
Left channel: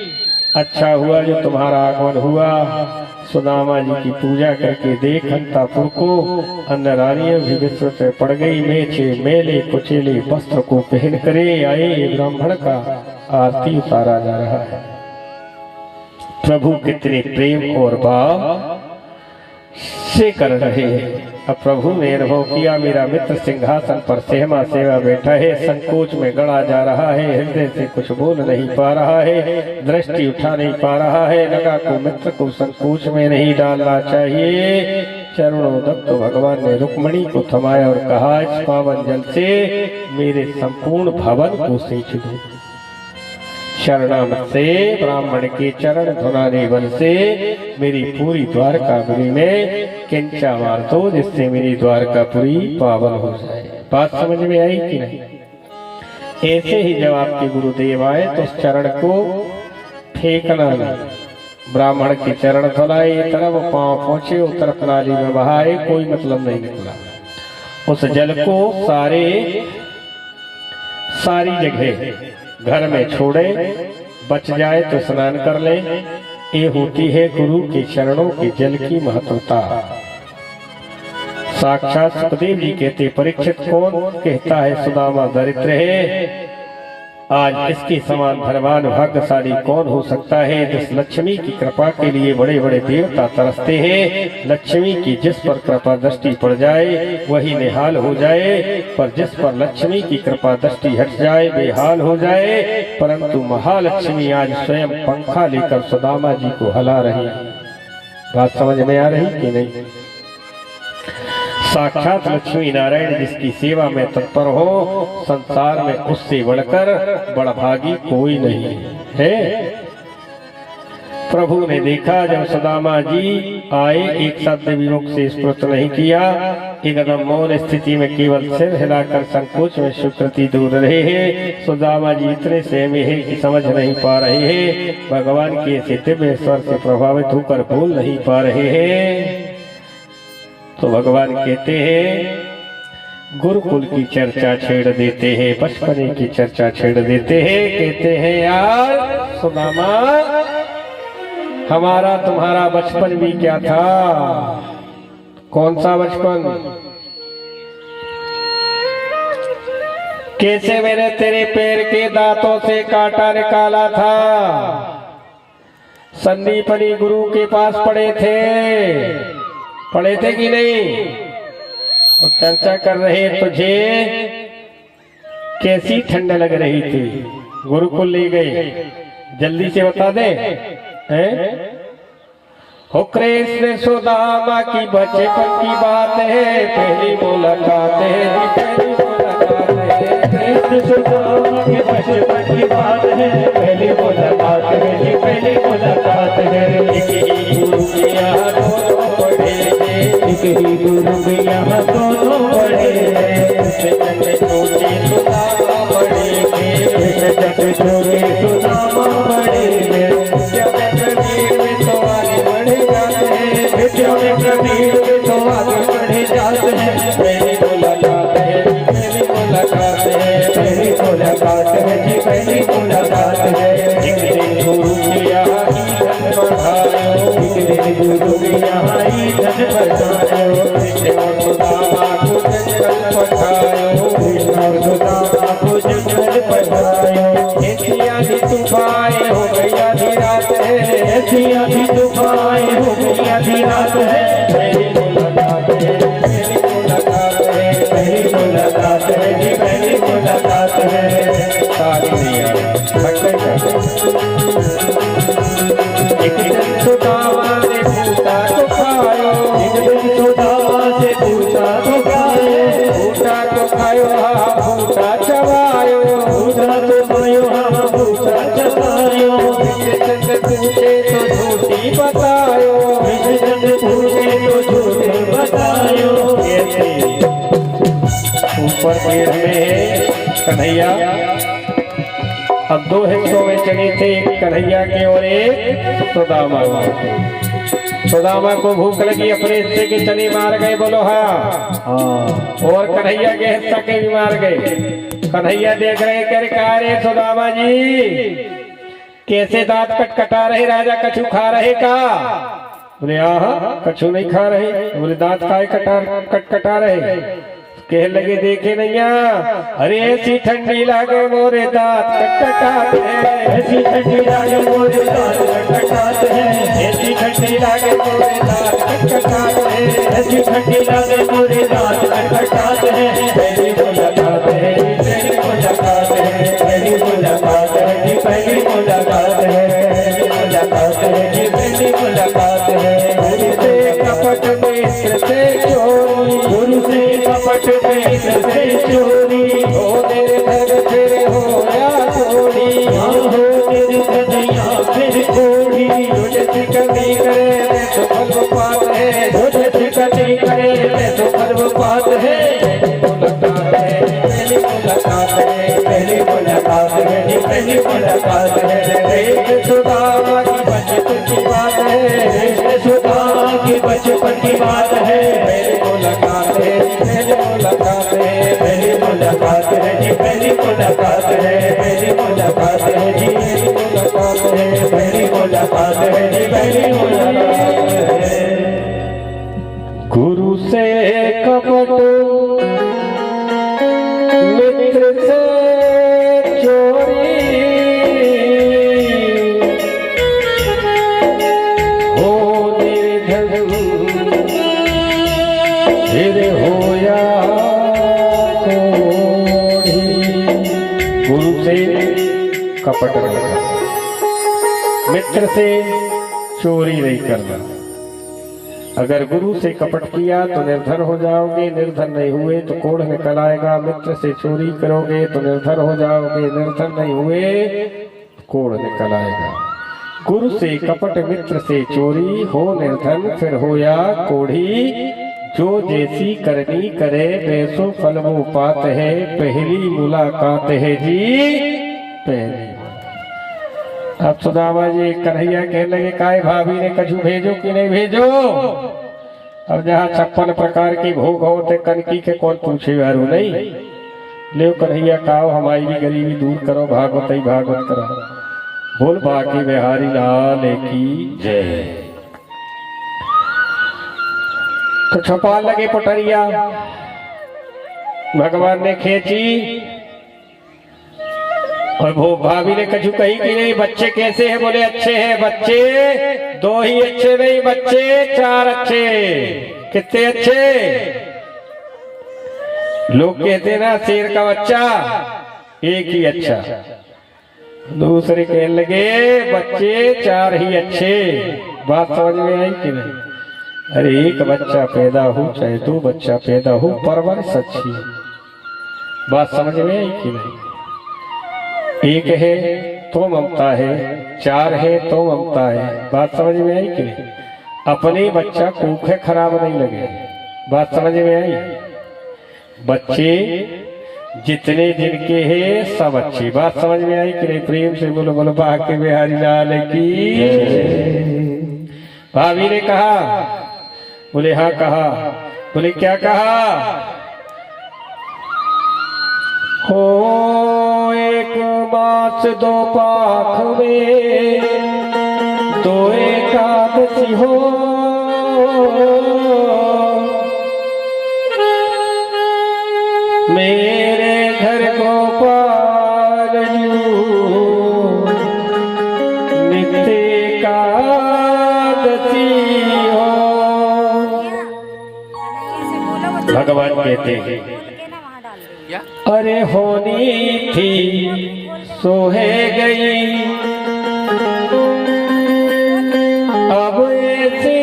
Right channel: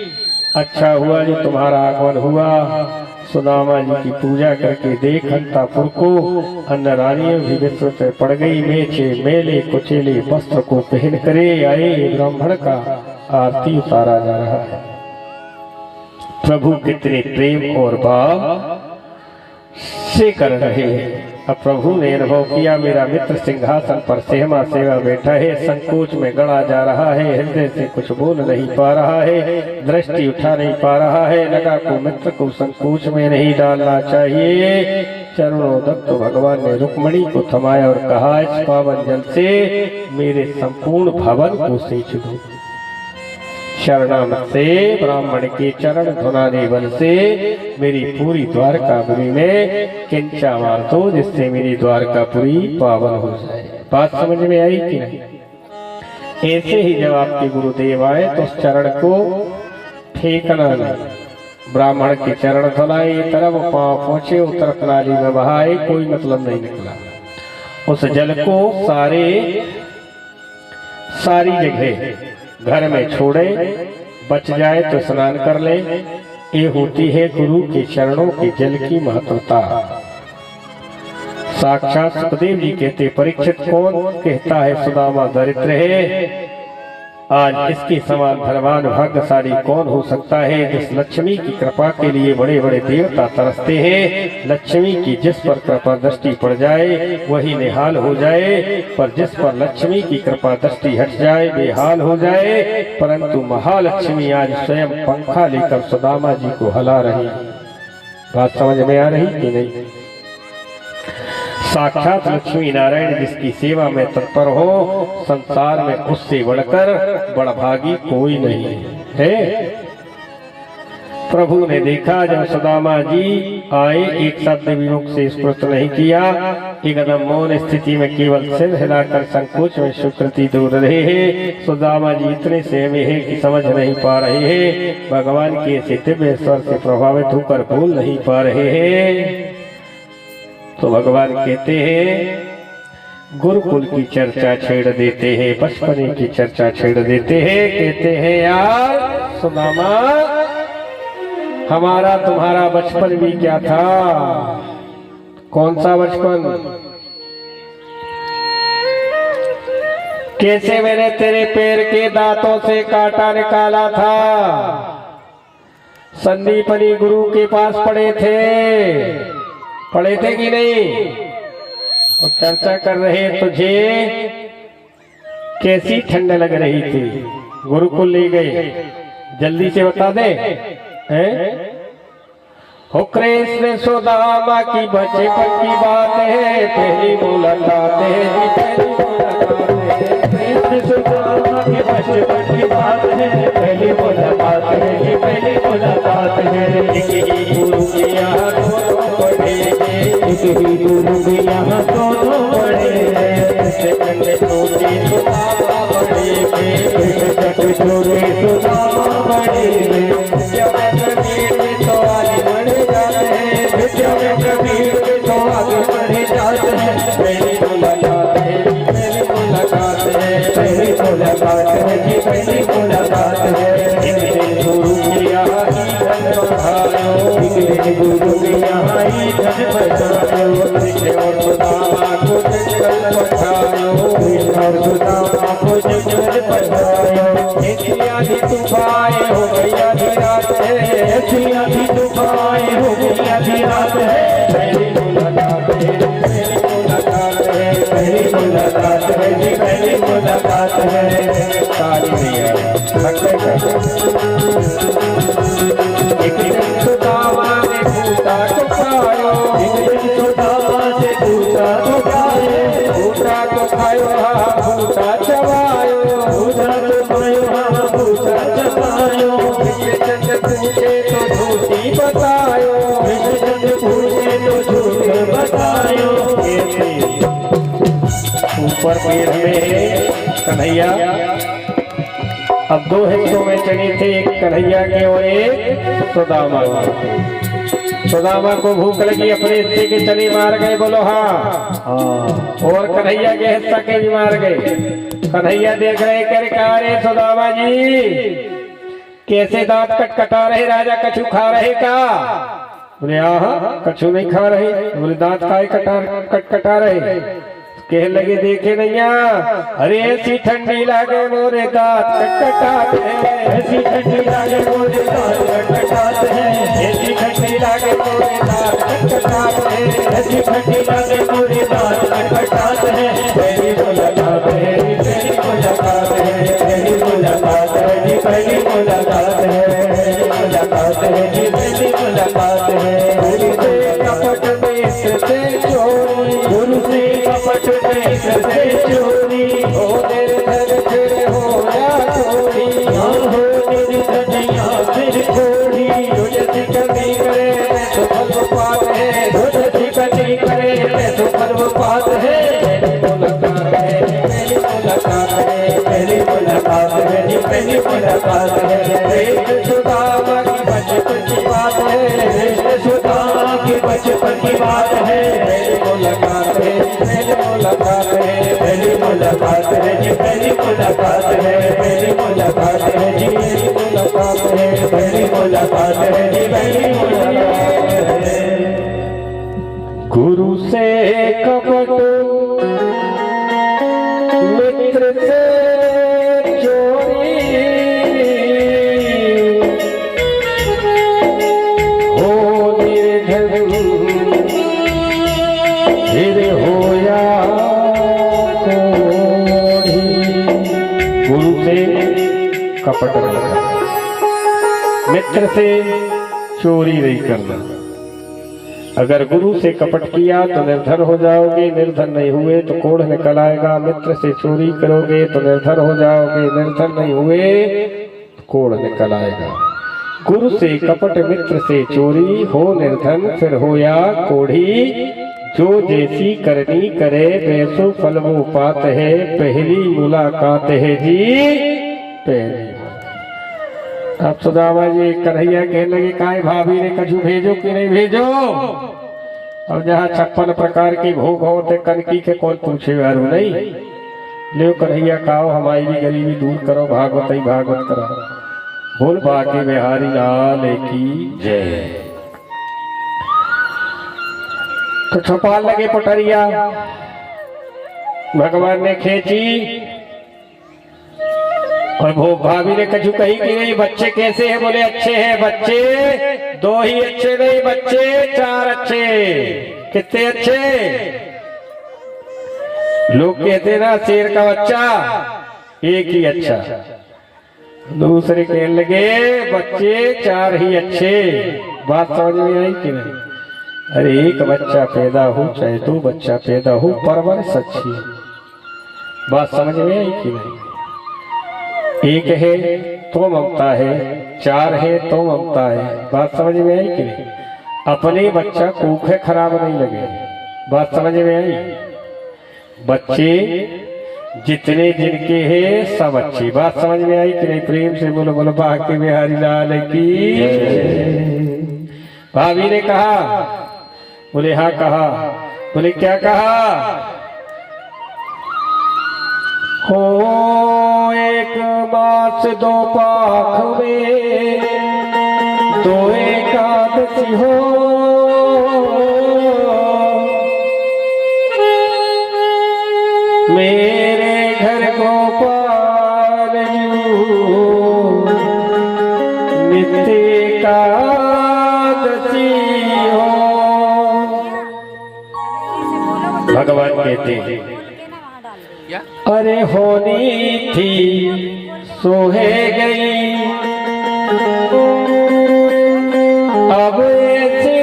अच्छा हुआ जो तुम्हारा आगमन हुआ। सुदामा जी की पूजा करके देख अंतापुर को अन्य रानियां भी विस्तृत पड़ गई। मेचे मेले कुचेले वस्त्र को पहन करे आए ब्राह्मण का आरती उतारा जा रहा है। प्रभु कितने प्रेम और भाव से कर रहे हैं। अब प्रभु ने अनुभव किया, मेरा मित्र सिंहासन पर सेहमा सेवा बैठा है, संकोच में गड़ा जा रहा है, हृदय से कुछ बोल नहीं पा रहा है, दृष्टि उठा नहीं पा रहा है। लगा को मित्र को संकोच में नहीं डालना चाहिए। चरणों दत्त भगवान ने रुक्मणी को थमाया और कहा, इस पावन जल से मेरे संपूर्ण भवन को सींच दो। शरणामत से ब्राह्मण के चरण धुलाने बल से मेरी पूरी द्वारकापुरी में किंचा मार दो, जिससे मेरी द्वारकापुरी पावन हो जाए। बात समझ में आई कि नहीं? ऐसे ही जब आपके गुरुदेव आए तो उस चरण को फेंकना नहीं। ब्राह्मण के चरण धुलाए, तरफ पांव पहुंचे, उत्तर प्रणाली में बहाए, कोई मतलब नहीं निकला। उस जल को सारी जगह घर में छोड़े, बच जाए तो स्नान कर ले। ये होती है गुरु के चरणों के जल की महत्वता। साक्षात सुखदेव जी कहते, परीक्षित कौन कहता है सुदामा दरिद्र है? आज इसके समान धनवान भाग्यशाली कौन हो सकता है? जिस लक्ष्मी की कृपा के लिए बड़े बड़े देवता तरसते हैं। लक्ष्मी की जिस पर कृपा दृष्टि पड़ जाए वही निहाल हो जाए, पर जिस पर लक्ष्मी की कृपा दृष्टि हट जाए बेहाल हो जाए। परंतु महालक्ष्मी आज स्वयं पंखा लेकर सुदामा जी को हिला रही। बात समझ में आ रही कि नहीं? साक्षात लक्ष्मी नारायण जिसकी सेवा में तत्पर हो, संसार में उससे बढ़कर बड़भागी कोई नहीं है। प्रभु ने देखा जब सुदामा जी आए, एक शब्द भी मुख से स्फुरित नहीं किया। एकदम मौन स्थिति में केवल सिर हिलाकर संकोच में स्वीकृति दूर रहे हैं। सुदामा जी इतने सहमे हैं कि समझ नहीं पा रहे हैं। भगवान के ऐसे दिव्य स्वर से प्रभावित होकर बोल नहीं पा रहे हैं। तो भगवान कहते हैं, गुरुकुल की चर्चा छेड़ देते हैं, बचपने की चर्चा छेड़ देते हैं। कहते हैं, यार सुदामा, हमारा तुम्हारा बचपन भी क्या था? कौन सा बचपन? कैसे मैंने तेरे पैर के दांतों से कांटा निकाला था? संदीपनी गुरु के पास पड़े थे कि नहीं? और चर्चा कर रहे, तुझे कैसी ठंड लग रही थी? गुरुकुल ले गए, जल्दी से बता दे। हैं? हो कृष्ण सुदामा की बचपन की बात है, पहली मुलाकात है, पहली मुलाकात है। कृष्ण सुदामा के बचपन की बात है, पहली मुलाकात है जी, पहली मुलाकात है। एक ही गुरु के यहाँ दोनों पढ़े थे, एक ही गुरु के यहाँ दोनों पढ़े हैं। कृष्ण में छोटे सुदामा बड़े थे, कृष्ण जब छोटे सुदामा बड़े हैं। विद्या में प्रवीण में तो आगे बढ़े जाते हैं, विद्या में प्रवीण में तो आगे बढ़े जाते हैं। पहली मुलाकात है, पहली मुलाकात है। पहली मुलाकात है जी, पहली मुलाकात है। एक दिन गुरु के यहाँ ही धन बढ़ायो, एक दिन गुरु के यहाँ ही धन बचायो। कृष्ण और सुदामा को जंगल पठायो, कृष्ण और सुदामा को जंगल पठायो। ऐसी आधी तूफान हो गई आधी रात है, ऐसी आधी तूफान हो गई आधी रात है। पहली मुलाकात है, पहली मुलाकात है। पहली मुलाकात है जी, पहली मुलाकात है। ताली नहीं आई, एक दिन सुदामा ने भूता तो खायो, एक दिन सुदामा से पूछा तो क्या है? भूता तो खायो, हाँ भूता चबायो, पूछा तो खायो, हाँ पूछा चबायो। कृष्ण पूछे तो झूठी बतायो, कृष्ण पूछे तो झूठ बतायो। ऊपर पेड़ में कन्हैया, अब दो हिस्सों में चले थे, एक कन्हैया के और एक सुदामा के। सुदामा को भूख लगी, अपने हिस्से के चने मार गए, बोलो हाँ। और कन्हैया के हिस्सा के भी मार गए। कन्हैया देख रहे कर कहा रे सुदामा जी कैसे दांत कटकटा रहे, राजा कछु खा रहे का? बोले हाँ कछु नहीं खा रहे। बोले दांत काय कटकटा रहे? कह लगे देखे नैया, अरे ऐसी ठंडी लागे मोरे दांत कटकटाते हैं, ऐसी ठंडी लागे मोरे दांत कटकटाते हैं। ऐसी ठंडी लागे मोरे दांत कटकटाते हैं, ऐसी ठंडी लागे मोरे दांत कटकटाते हैं। पहली मुलाकात है जी, पहली मुलाकात है। पहली मुलाकात है जी, पहली मुलाकात है। पहली मुलाकात है जी, पहली मुलाकात है। गुरु से कपट मित्र से चोरी, गुरु से कपट मित्र से चोरी। हो तेरे घर फिर हो या थोड़ी, हाँ हो तेरी कन्हैया फिर थोड़ी। तुझे सिकंदी करे तो फल पात है, तुझे सिकंदी करे तो फल पात है। मुलाकात है, पहली मुलाकात है। पहली मुलाकात है जी, पहली मुलाकात है। कृष्ण सुदामा की बचपन की बात है, कृष्ण सुदामा की बचपन की बात है। पहली मुलाकात है, पहली मुलाकात है। पहली मुलाकात है जी, पहली मुलाकात है। पहली मुलाकात है जी, पहली मुलाकात है। पहली मुलाकात है जी, पहली मुलाकात है। गुरु से कपट मित्र से चोरी, हो निर्धन फिर होया कोढ़ी। गुरु से कपट नहीं करना, मित्र से चोरी नहीं करना। अगर गुरु से कपट किया तो निर्धन हो जाओगे, निर्धन नहीं हुए तो कोढ़ निकल आएगा। मित्र से चोरी करोगे तो निर्धन हो जाओगे, निर्धन नहीं हुए तो कोढ़ निकल आएगा। गुरु से कपट मित्र से चोरी, हो निर्धन फिर हो या कोढ़ी। जो जैसी करनी करे वैसो फल वो पात है, पहली मुलाकात है जी पहली। अब सुदामा जी कन्हैया कहने लगे काय भाभी ने कछु भेजो कि नहीं भेजो? अब जहाँ 56 प्रकार के भोग होते कनकी के कौन पूछे वारू नहीं। ले कन्हैया काओ हमारी भी गरीबी दूर करो, भागवत ही भागवत करो। बोल बाके बिहारी लाल की जय। तो छपाल लगे पटरिया, भगवान ने खींची और वो भाभी ने कछु कही कि नहीं बच्चे कैसे हैं? बोले अच्छे हैं बच्चे, 2 ही अच्छे नहीं बच्चे 4 अच्छे। कितने अच्छे? लोग कहते ना शेर का बच्चा एक ही अच्छा, दूसरे कहने लगे बच्चे 4 ही अच्छे। बात समझ में आई कि नहीं? अरे एक बच्चा पैदा हो चाहे दो बच्चा पैदा हो, परवरिश अच्छी है। बात समझ में आई कि नहीं? एक है तो ममता है, चार है तो ममता है। बात समझ में आई कि नहीं? अपने बच्चा कोखे खराब नहीं लगे। बात समझ में आई? बच्चे जितने जिनके हैं सब अच्छे। बात समझ में आई कि नहीं? प्रेम से बोलो, बोलो बाके बिहारी लाल की। भाभी ने कहा, बोले हाँ कहा। बोले क्या कहा? हो एक मास दो पाख में दो एकादशी हो, मेरे घर गोपाल नित्य एकादशी हो। भगवान कहते हैं अरे होनी थी सोहे गई, अब ऐसी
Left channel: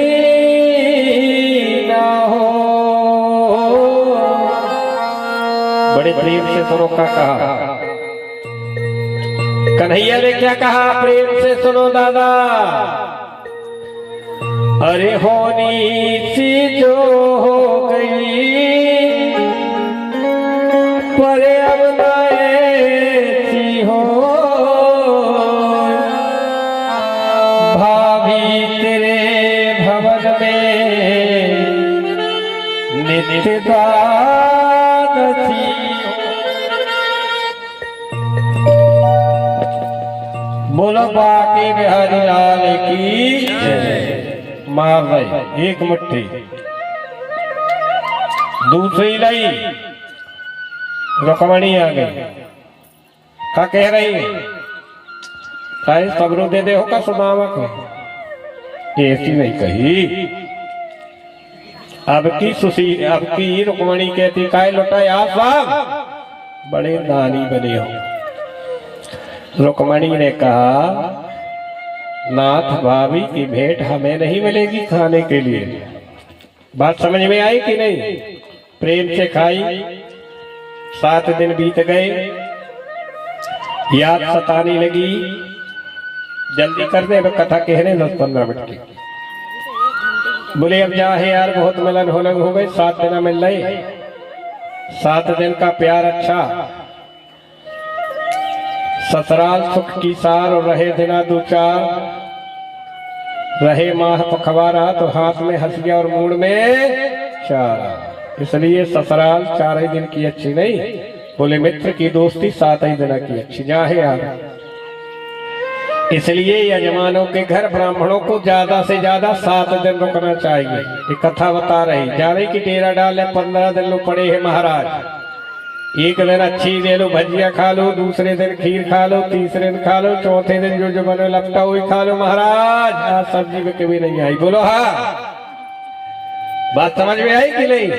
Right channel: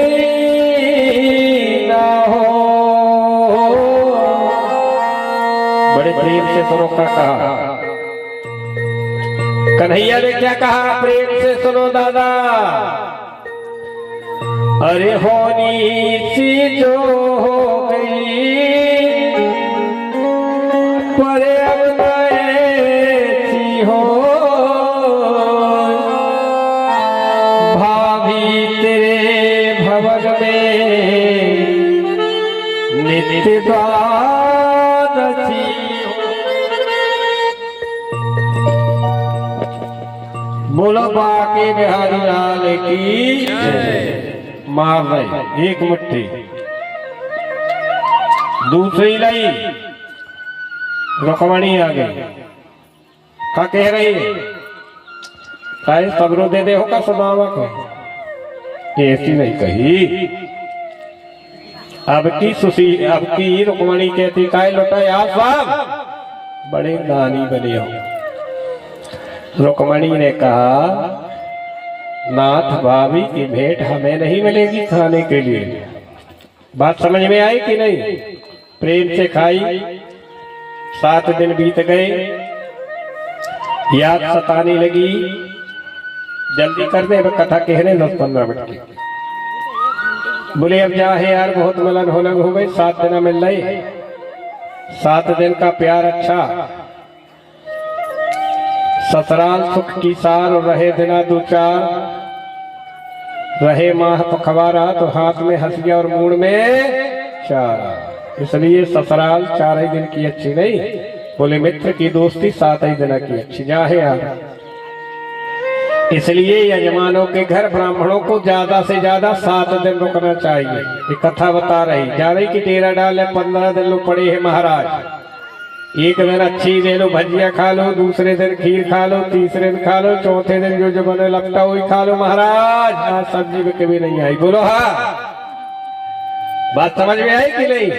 ना हो। बड़े प्रेम से सुनो का कहा। कन्हैया ने क्या कहा? प्रेम से सुनो दादा। अरे होनी सी जो हो गई, पर अब ऐसी हो। भाभी तेरे भवन में नित्य द्वादशी हो। बोलो बाके बिहारी लाल की जय। मार रहे एक मुट्ठी, दूसरी लाई रुक्मणी आ गई। क्या कह रही? चाहे सबरो दे दे होगा सुदामा को, ऐसी नहीं कही। अब की रुक्मणी कहती काय लुटाए आप साहब बड़े दानी बने हो। रुक्मणी ने कहा नाथ भाभी की भेंट हमें नहीं मिलेगी खाने के लिए। बात समझ में आई कि नहीं? प्रेम से खाई। 7 दिन बीत गए, याद सताने लगी। जल्दी कर दे, अब कथा कहने 10-15 मिनट की। बोले अब जा है यार, बहुत मिलन हो गई, 7 दिन मिल रहे। 7 दिन का प्यार अच्छा। ससुराल सुख की सार और रहे दिना 2-4, रहे माह पखवारा तो हाथ में हंसिया और मूड में चारा। इसलिए ससुराल 4 ही दिन की अच्छी नहीं, बोले मित्र की दोस्ती 7 ही दिन की अच्छी। जा है यार, इसलिए यजमानों के घर ब्राह्मणों को ज्यादा से ज्यादा 7 दिन रुकना चाहिए। ये कथा बता रही जा रही कि डेरा डाले 15 दिन लोग पड़े हैं महाराज। एक दिन अच्छी ले लो, भजिया खा लो, दूसरे दिन खीर खा लो, तीसरे दिन खा लो, चौथे दिन जो बने लपटा हुई खा लो महाराज। आज सब्जी में कभी नहीं आई। बोलो हाँ, बात समझ में आई कि नहीं?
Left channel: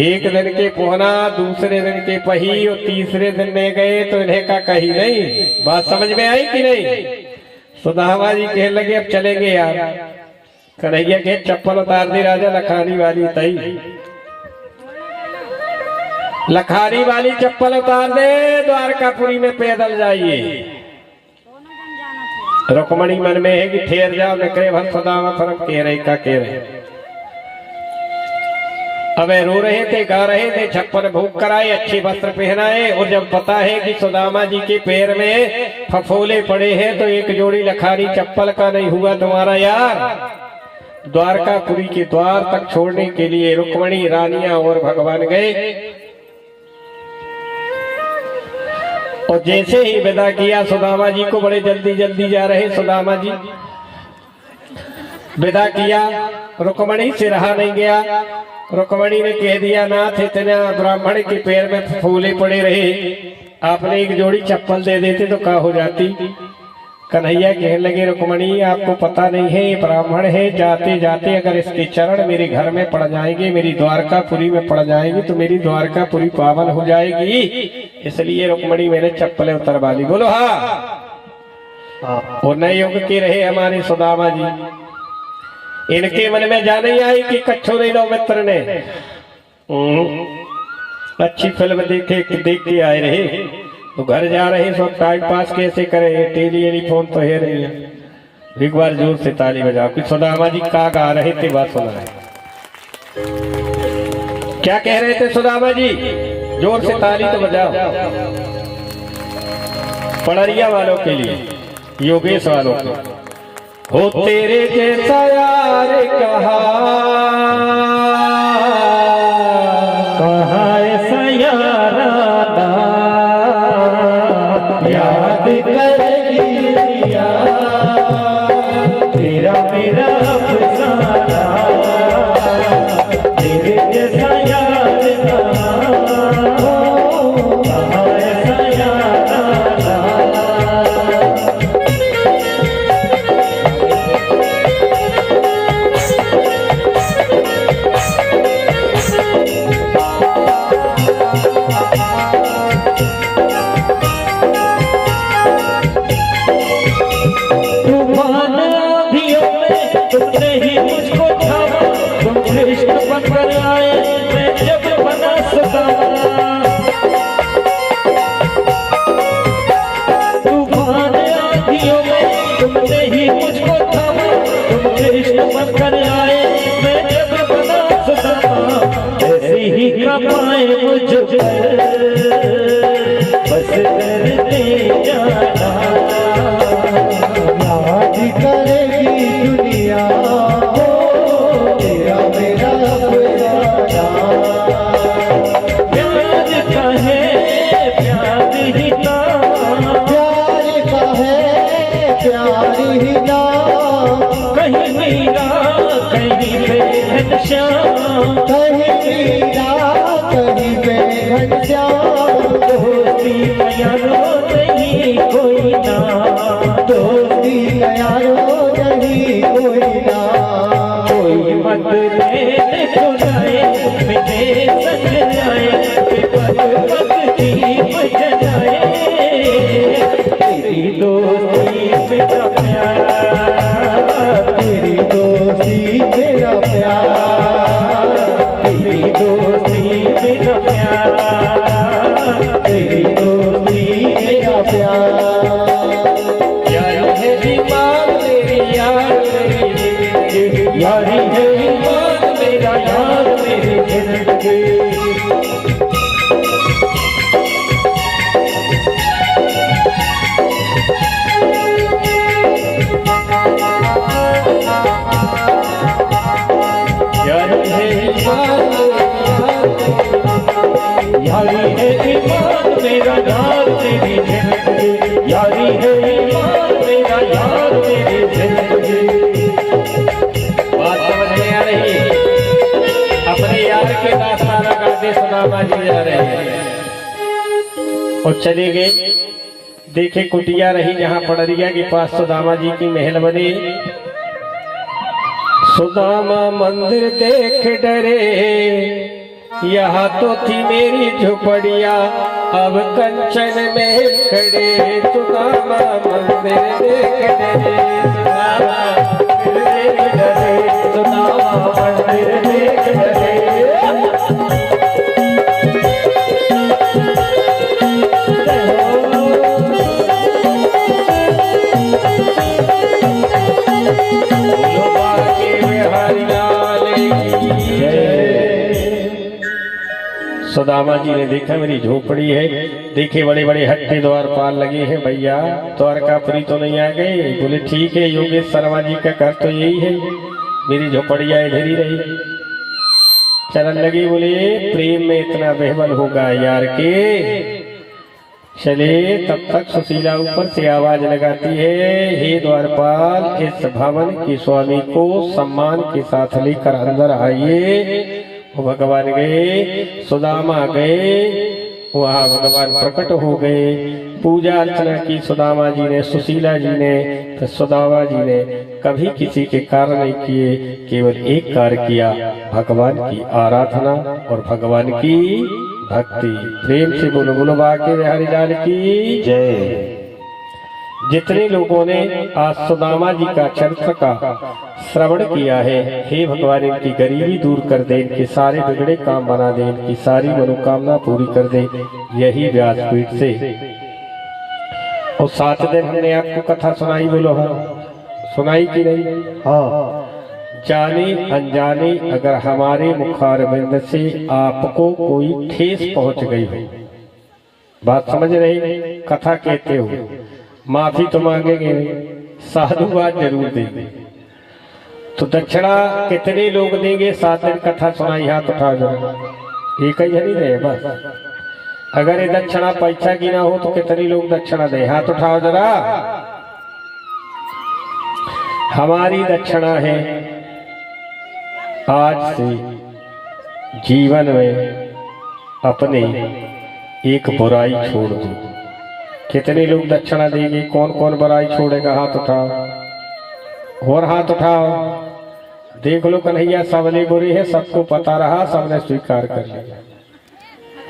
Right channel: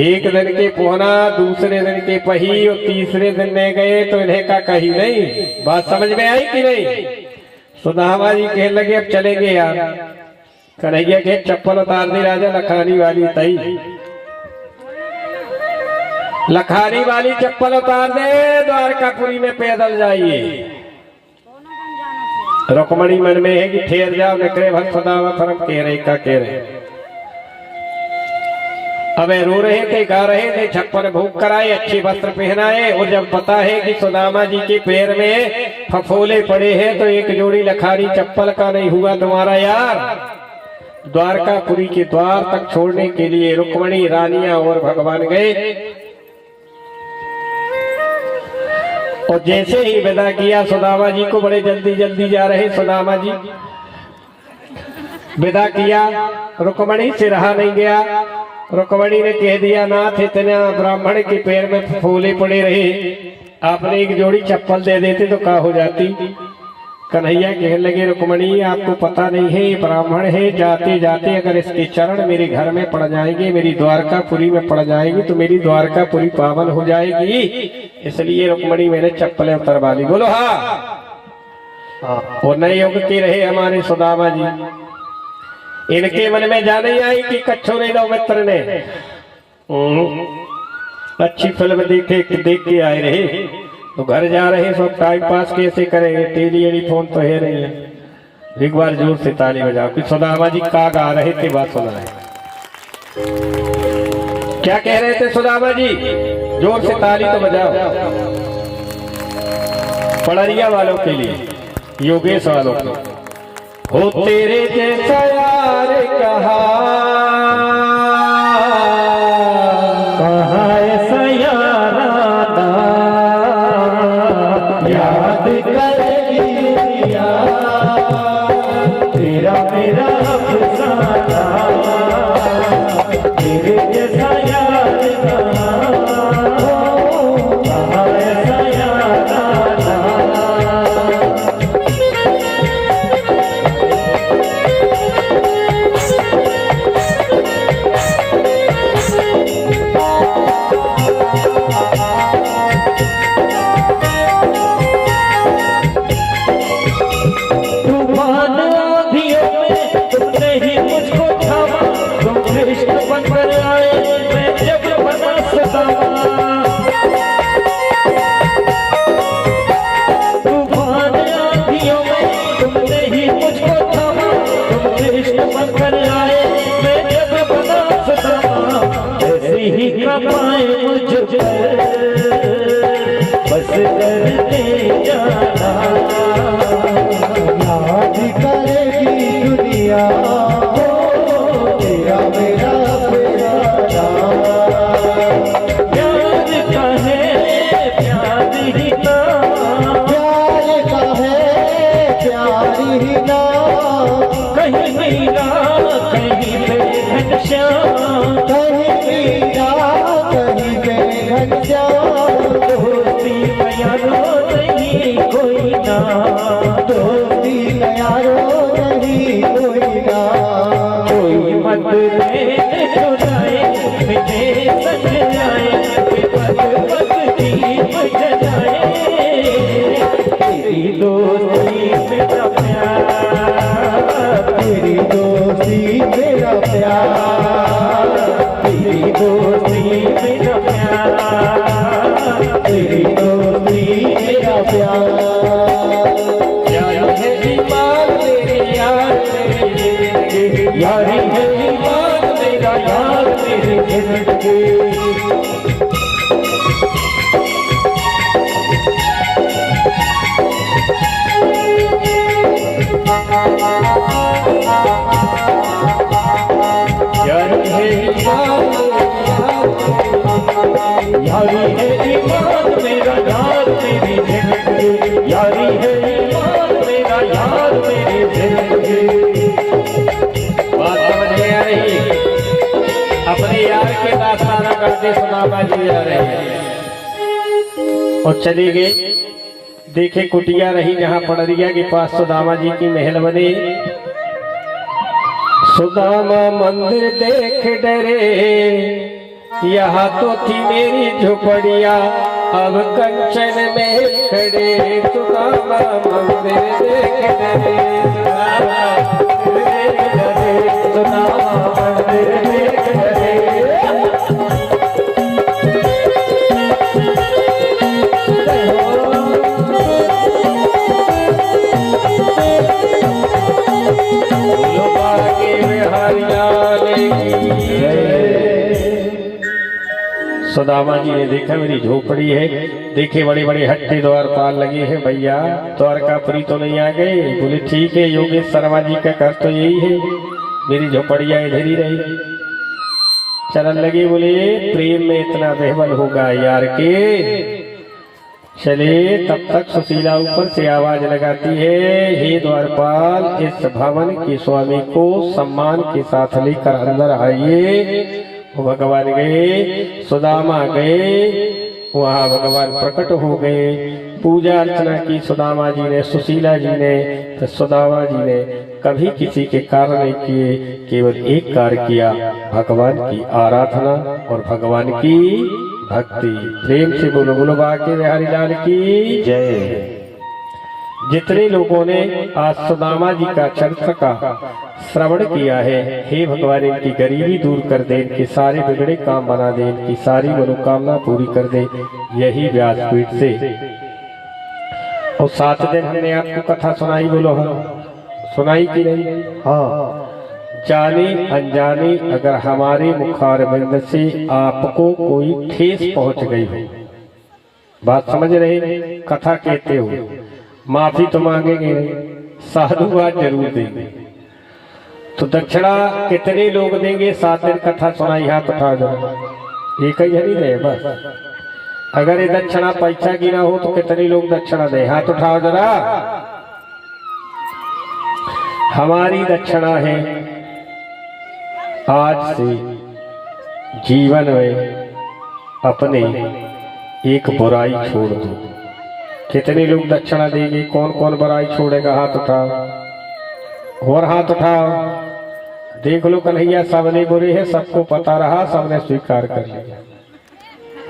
एक दिन के पोहना, दूसरे दिन के पही और तीसरे दिन में गए तो इन्हें का कही नहीं। बात समझ में आई कि नहीं? सुदामा जी कहने लगे अब चलेंगे यार। कन्हैया के चप्पल उतार दी राजा लखानी वाली तई। लखानी वाली चप्पल उतार दे, द्वारकापुरी में पैदल जाइए। रुक्मणी मन में है कि ठहर जाओ, निकले भर सदामा फरम कह रहे का कह रहे। अब रो रहे थे, गा रहे थे, छप्पर भूख कराए, अच्छे वस्त्र पहनाए। और जब पता है कि सुदामा जी के पैर में फफोले पड़े हैं तो एक जोड़ी लखानी चप्पल का नहीं हुआ तुम्हारा यार। द्वारकापुरी के द्वार तक छोड़ने के लिए रुक्मणी, रानियां और भगवान गए। और जैसे ही विदा किया सुदामा जी को, बड़े जल्दी जल्दी जा रहे सुदामा जी, विदा किया, रुक्मणी से रहा नहीं गया। रुक्मणी ने कह दिया नाथ इतना ब्राह्मण के पैर में फूले पड़े रहे, आपने एक जोड़ी चप्पल दे देते तो क्या हो जाती। कन्हैया कहने लगे रुक्मणी आपको पता नहीं है, ये ब्राह्मण है, जाते जाते अगर इसके चरण मेरे घर में पड़ जाएंगे, मेरी द्वारकापुरी में पड़ जाएगी तो मेरी द्वारकापुरी पावन हो जाएगी। इसलिए रुक्मणी मैंने चप्पलें उतरवा ली। बोलो हाँ। और नए युग की रहे हमारे सुदामा जी। इनके मन में जा नहीं आई कि कच्छो नहीं लो मित्र ने अच्छी फिल्म देख के आए रहे तो घर जा रहे सब टाइम पास कैसे करें, टेलीफोन तो है नहीं है। एक बार जोर से ताली बजाओ कि सुदामा जी का गा रहे थे, बात सुना है। क्या कह रहे थे सुदामा जी? जोर से ताली तो बजाओ। पड़रिया वालों के लिए, योगेश वालों के लिए। हो तेरे जैसा यार कहा ऐसा याराना याद करेगी दुनिया, तेरा मेरा अफसाना, तेरे जैसा यार कहा ऐसा याराना। तुमने ही मुझको थामा, तुम कृष्ण बनकर आए, मैं जब बना सुदामा। तूफान आंधियों में तुमने ही मुझको थामा, तुम कृष्ण बनकर आए, मैं जब बना सुदामा। ऐसी ही कमाए मुझ पर बस करते जाना, याद करेगी दुनिया, तेरा मेरा प्यारा। प्यार का है प्यार ही ना, प्यार का है प्यार ही ना, कहीं मेरा कहीं पे घनश्याम, कहीं मेरा कहीं पे घनश्याम। दोस्ती यारो नहीं कोई ना, दोस्ती यारो नहीं कोई ना, कोई मत लेने खुदाए मेरे संग जाए, भगवती बजाए। तेरी दोस्ती मेरा प्यार, तेरी दोस्ती मेरा प्यार, तेरी दोस्ती मेरा प्यार, तेरी दोस्ती मेरा प्यार। यारी है ईमान मेरी यार मेरी, यारी है ईमान मेरा यार मेरी जिंदगी। यारी है ईमान यारी है ईमान मेरा यार मेरी जिंदगी, यारी है ईमान मेरा यार मेरी जिंदगी। बात समझ में आ रही है? अपने यार के दास्ताना करते सुदामा जी जा रहे हैं और चले गए। देखे कुटिया रही जहाँ पड़रिया के पास सुदामा जी की महल बनी। सुदामा मंदिर देख डरे, यहाँ तो थी मेरी झोपड़िया, अब कंचन में खड़े। सुदामा मंदिर देख डरे, सुदामा मंदिर देख डरे, सुदामा मंदिर देख डरे। सुदामा जी ने देखा मेरी झोपड़ी है, देखे बड़े बड़े हट्टे द्वारपाल लगे हैं, भैया द्वारकापुरी तो नहीं आ गए? बोले ठीक है योगेश शर्मा जी का घर तो यही है, मेरी झोपड़िया इधर ही रही। चलन लगे, बोले प्रेम में इतना बेहबल होगा यार के। चले तब तक सुशीला ऊपर से आवाज लगाती है, हे द्वारपाल इस भवन के स्वामी को सम्मान के साथ लेकर अंदर आइए। भगवान गए, सुदामा गए, वहाँ भगवान प्रकट हो गए। पूजा अर्चना की सुदामा जी ने, सुशीला जी ने। तो सुदामा जी ने कभी किसी के कार्य नहीं किए, केवल एक कार्य किया, भगवान की आराधना और भगवान की भक्ति। प्रेम से बोलो, बोलो बाके बिहारी लाल की जय। जितने लोगों ने आज सुदामा जी का चरित्र का श्रवण किया है, हे भगवान इनकी गरीबी दूर कर दे, इनके सारे बिगड़े काम बना दे, इनकी सारी मनोकामना पूरी कर दे। यही व्यासपीठ से और 7 दिन हमने आपको कथा सुनाई, बोलो हाँ सुनाई कि नहीं? हाँ, जाने अनजाने अगर हमारे मुखारबिंद से आपको कोई ठेस पहुंच गई हो, बात समझ रहे? कथा कहते हो, माफी तो मांगेंगे नहीं, साधुवाद जरूर देंगे। तो दक्षिणा कितने लोग देंगे? 7 दिन कथा सुनाई, हाथ उठा जाओ, एक ही नहीं रहे बस। अगर ये दक्षिणा पैसा की ना हो तो कितने लोग दक्षिणा दे? हाथ उठाओ जरा। हमारी दक्षिणा है आज से जीवन में अपने एक बुराई छोड़ दो। कितने लोग दक्षिणा देंगे? कौन कौन बुराई छोड़ेगा? हाथ उठाओ और हाथ उठाओ। देख लो कन्हैया, सबने बुरे है, सबको पता रहा, सबने स्वीकार कर लिया,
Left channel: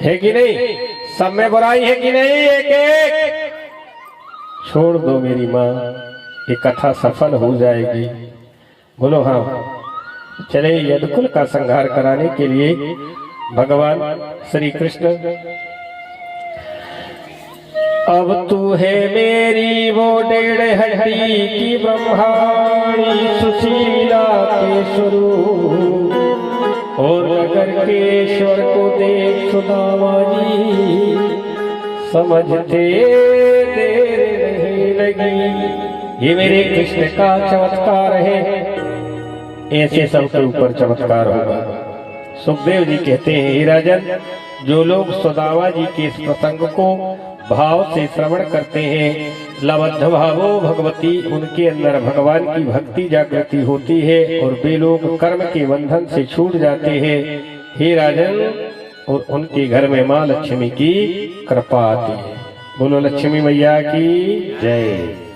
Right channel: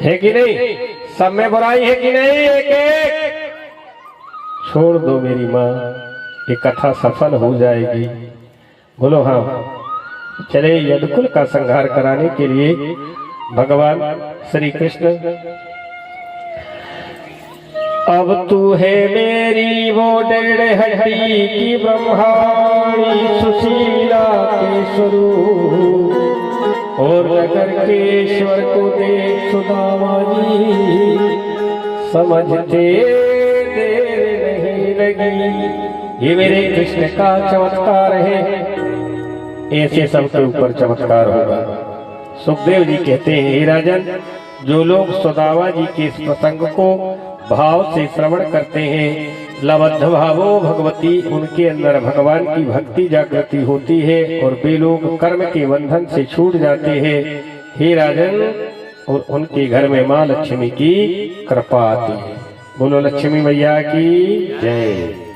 है कि नहीं? सब में बुराई है कि नहीं? एक एक छोड़ दो मेरी माँ, ये कथा सफल हो जाएगी। बोलो हाँ। चले यदुकुल का संहार कराने के लिए भगवान श्री कृष्ण, अब तू है मेरी वो 1.5 हड्डी की ब्रह्माणी सुशीला के स्वरूप, और नगर के ईश्वर को देख सुदामा जी समझते देर नहीं लगी। ये मेरे कृष्ण का चमत्कार है, ऐसे सबके ऊपर चमत्कार होगा। सुखदेव जी कहते हैं, हे राजन, जो लोग सुदामा जी के इस प्रसंग को भाव से श्रवण करते हैं, लबद्ध भावो भगवती, उनके अंदर भगवान की भक्ति जागृति होती है और वे लोग कर्म के बंधन से छूट जाते हैं। हे राजन, और उनके घर में माँ लक्ष्मी की कृपा आती है। बोलो लक्ष्मी मैया की जय।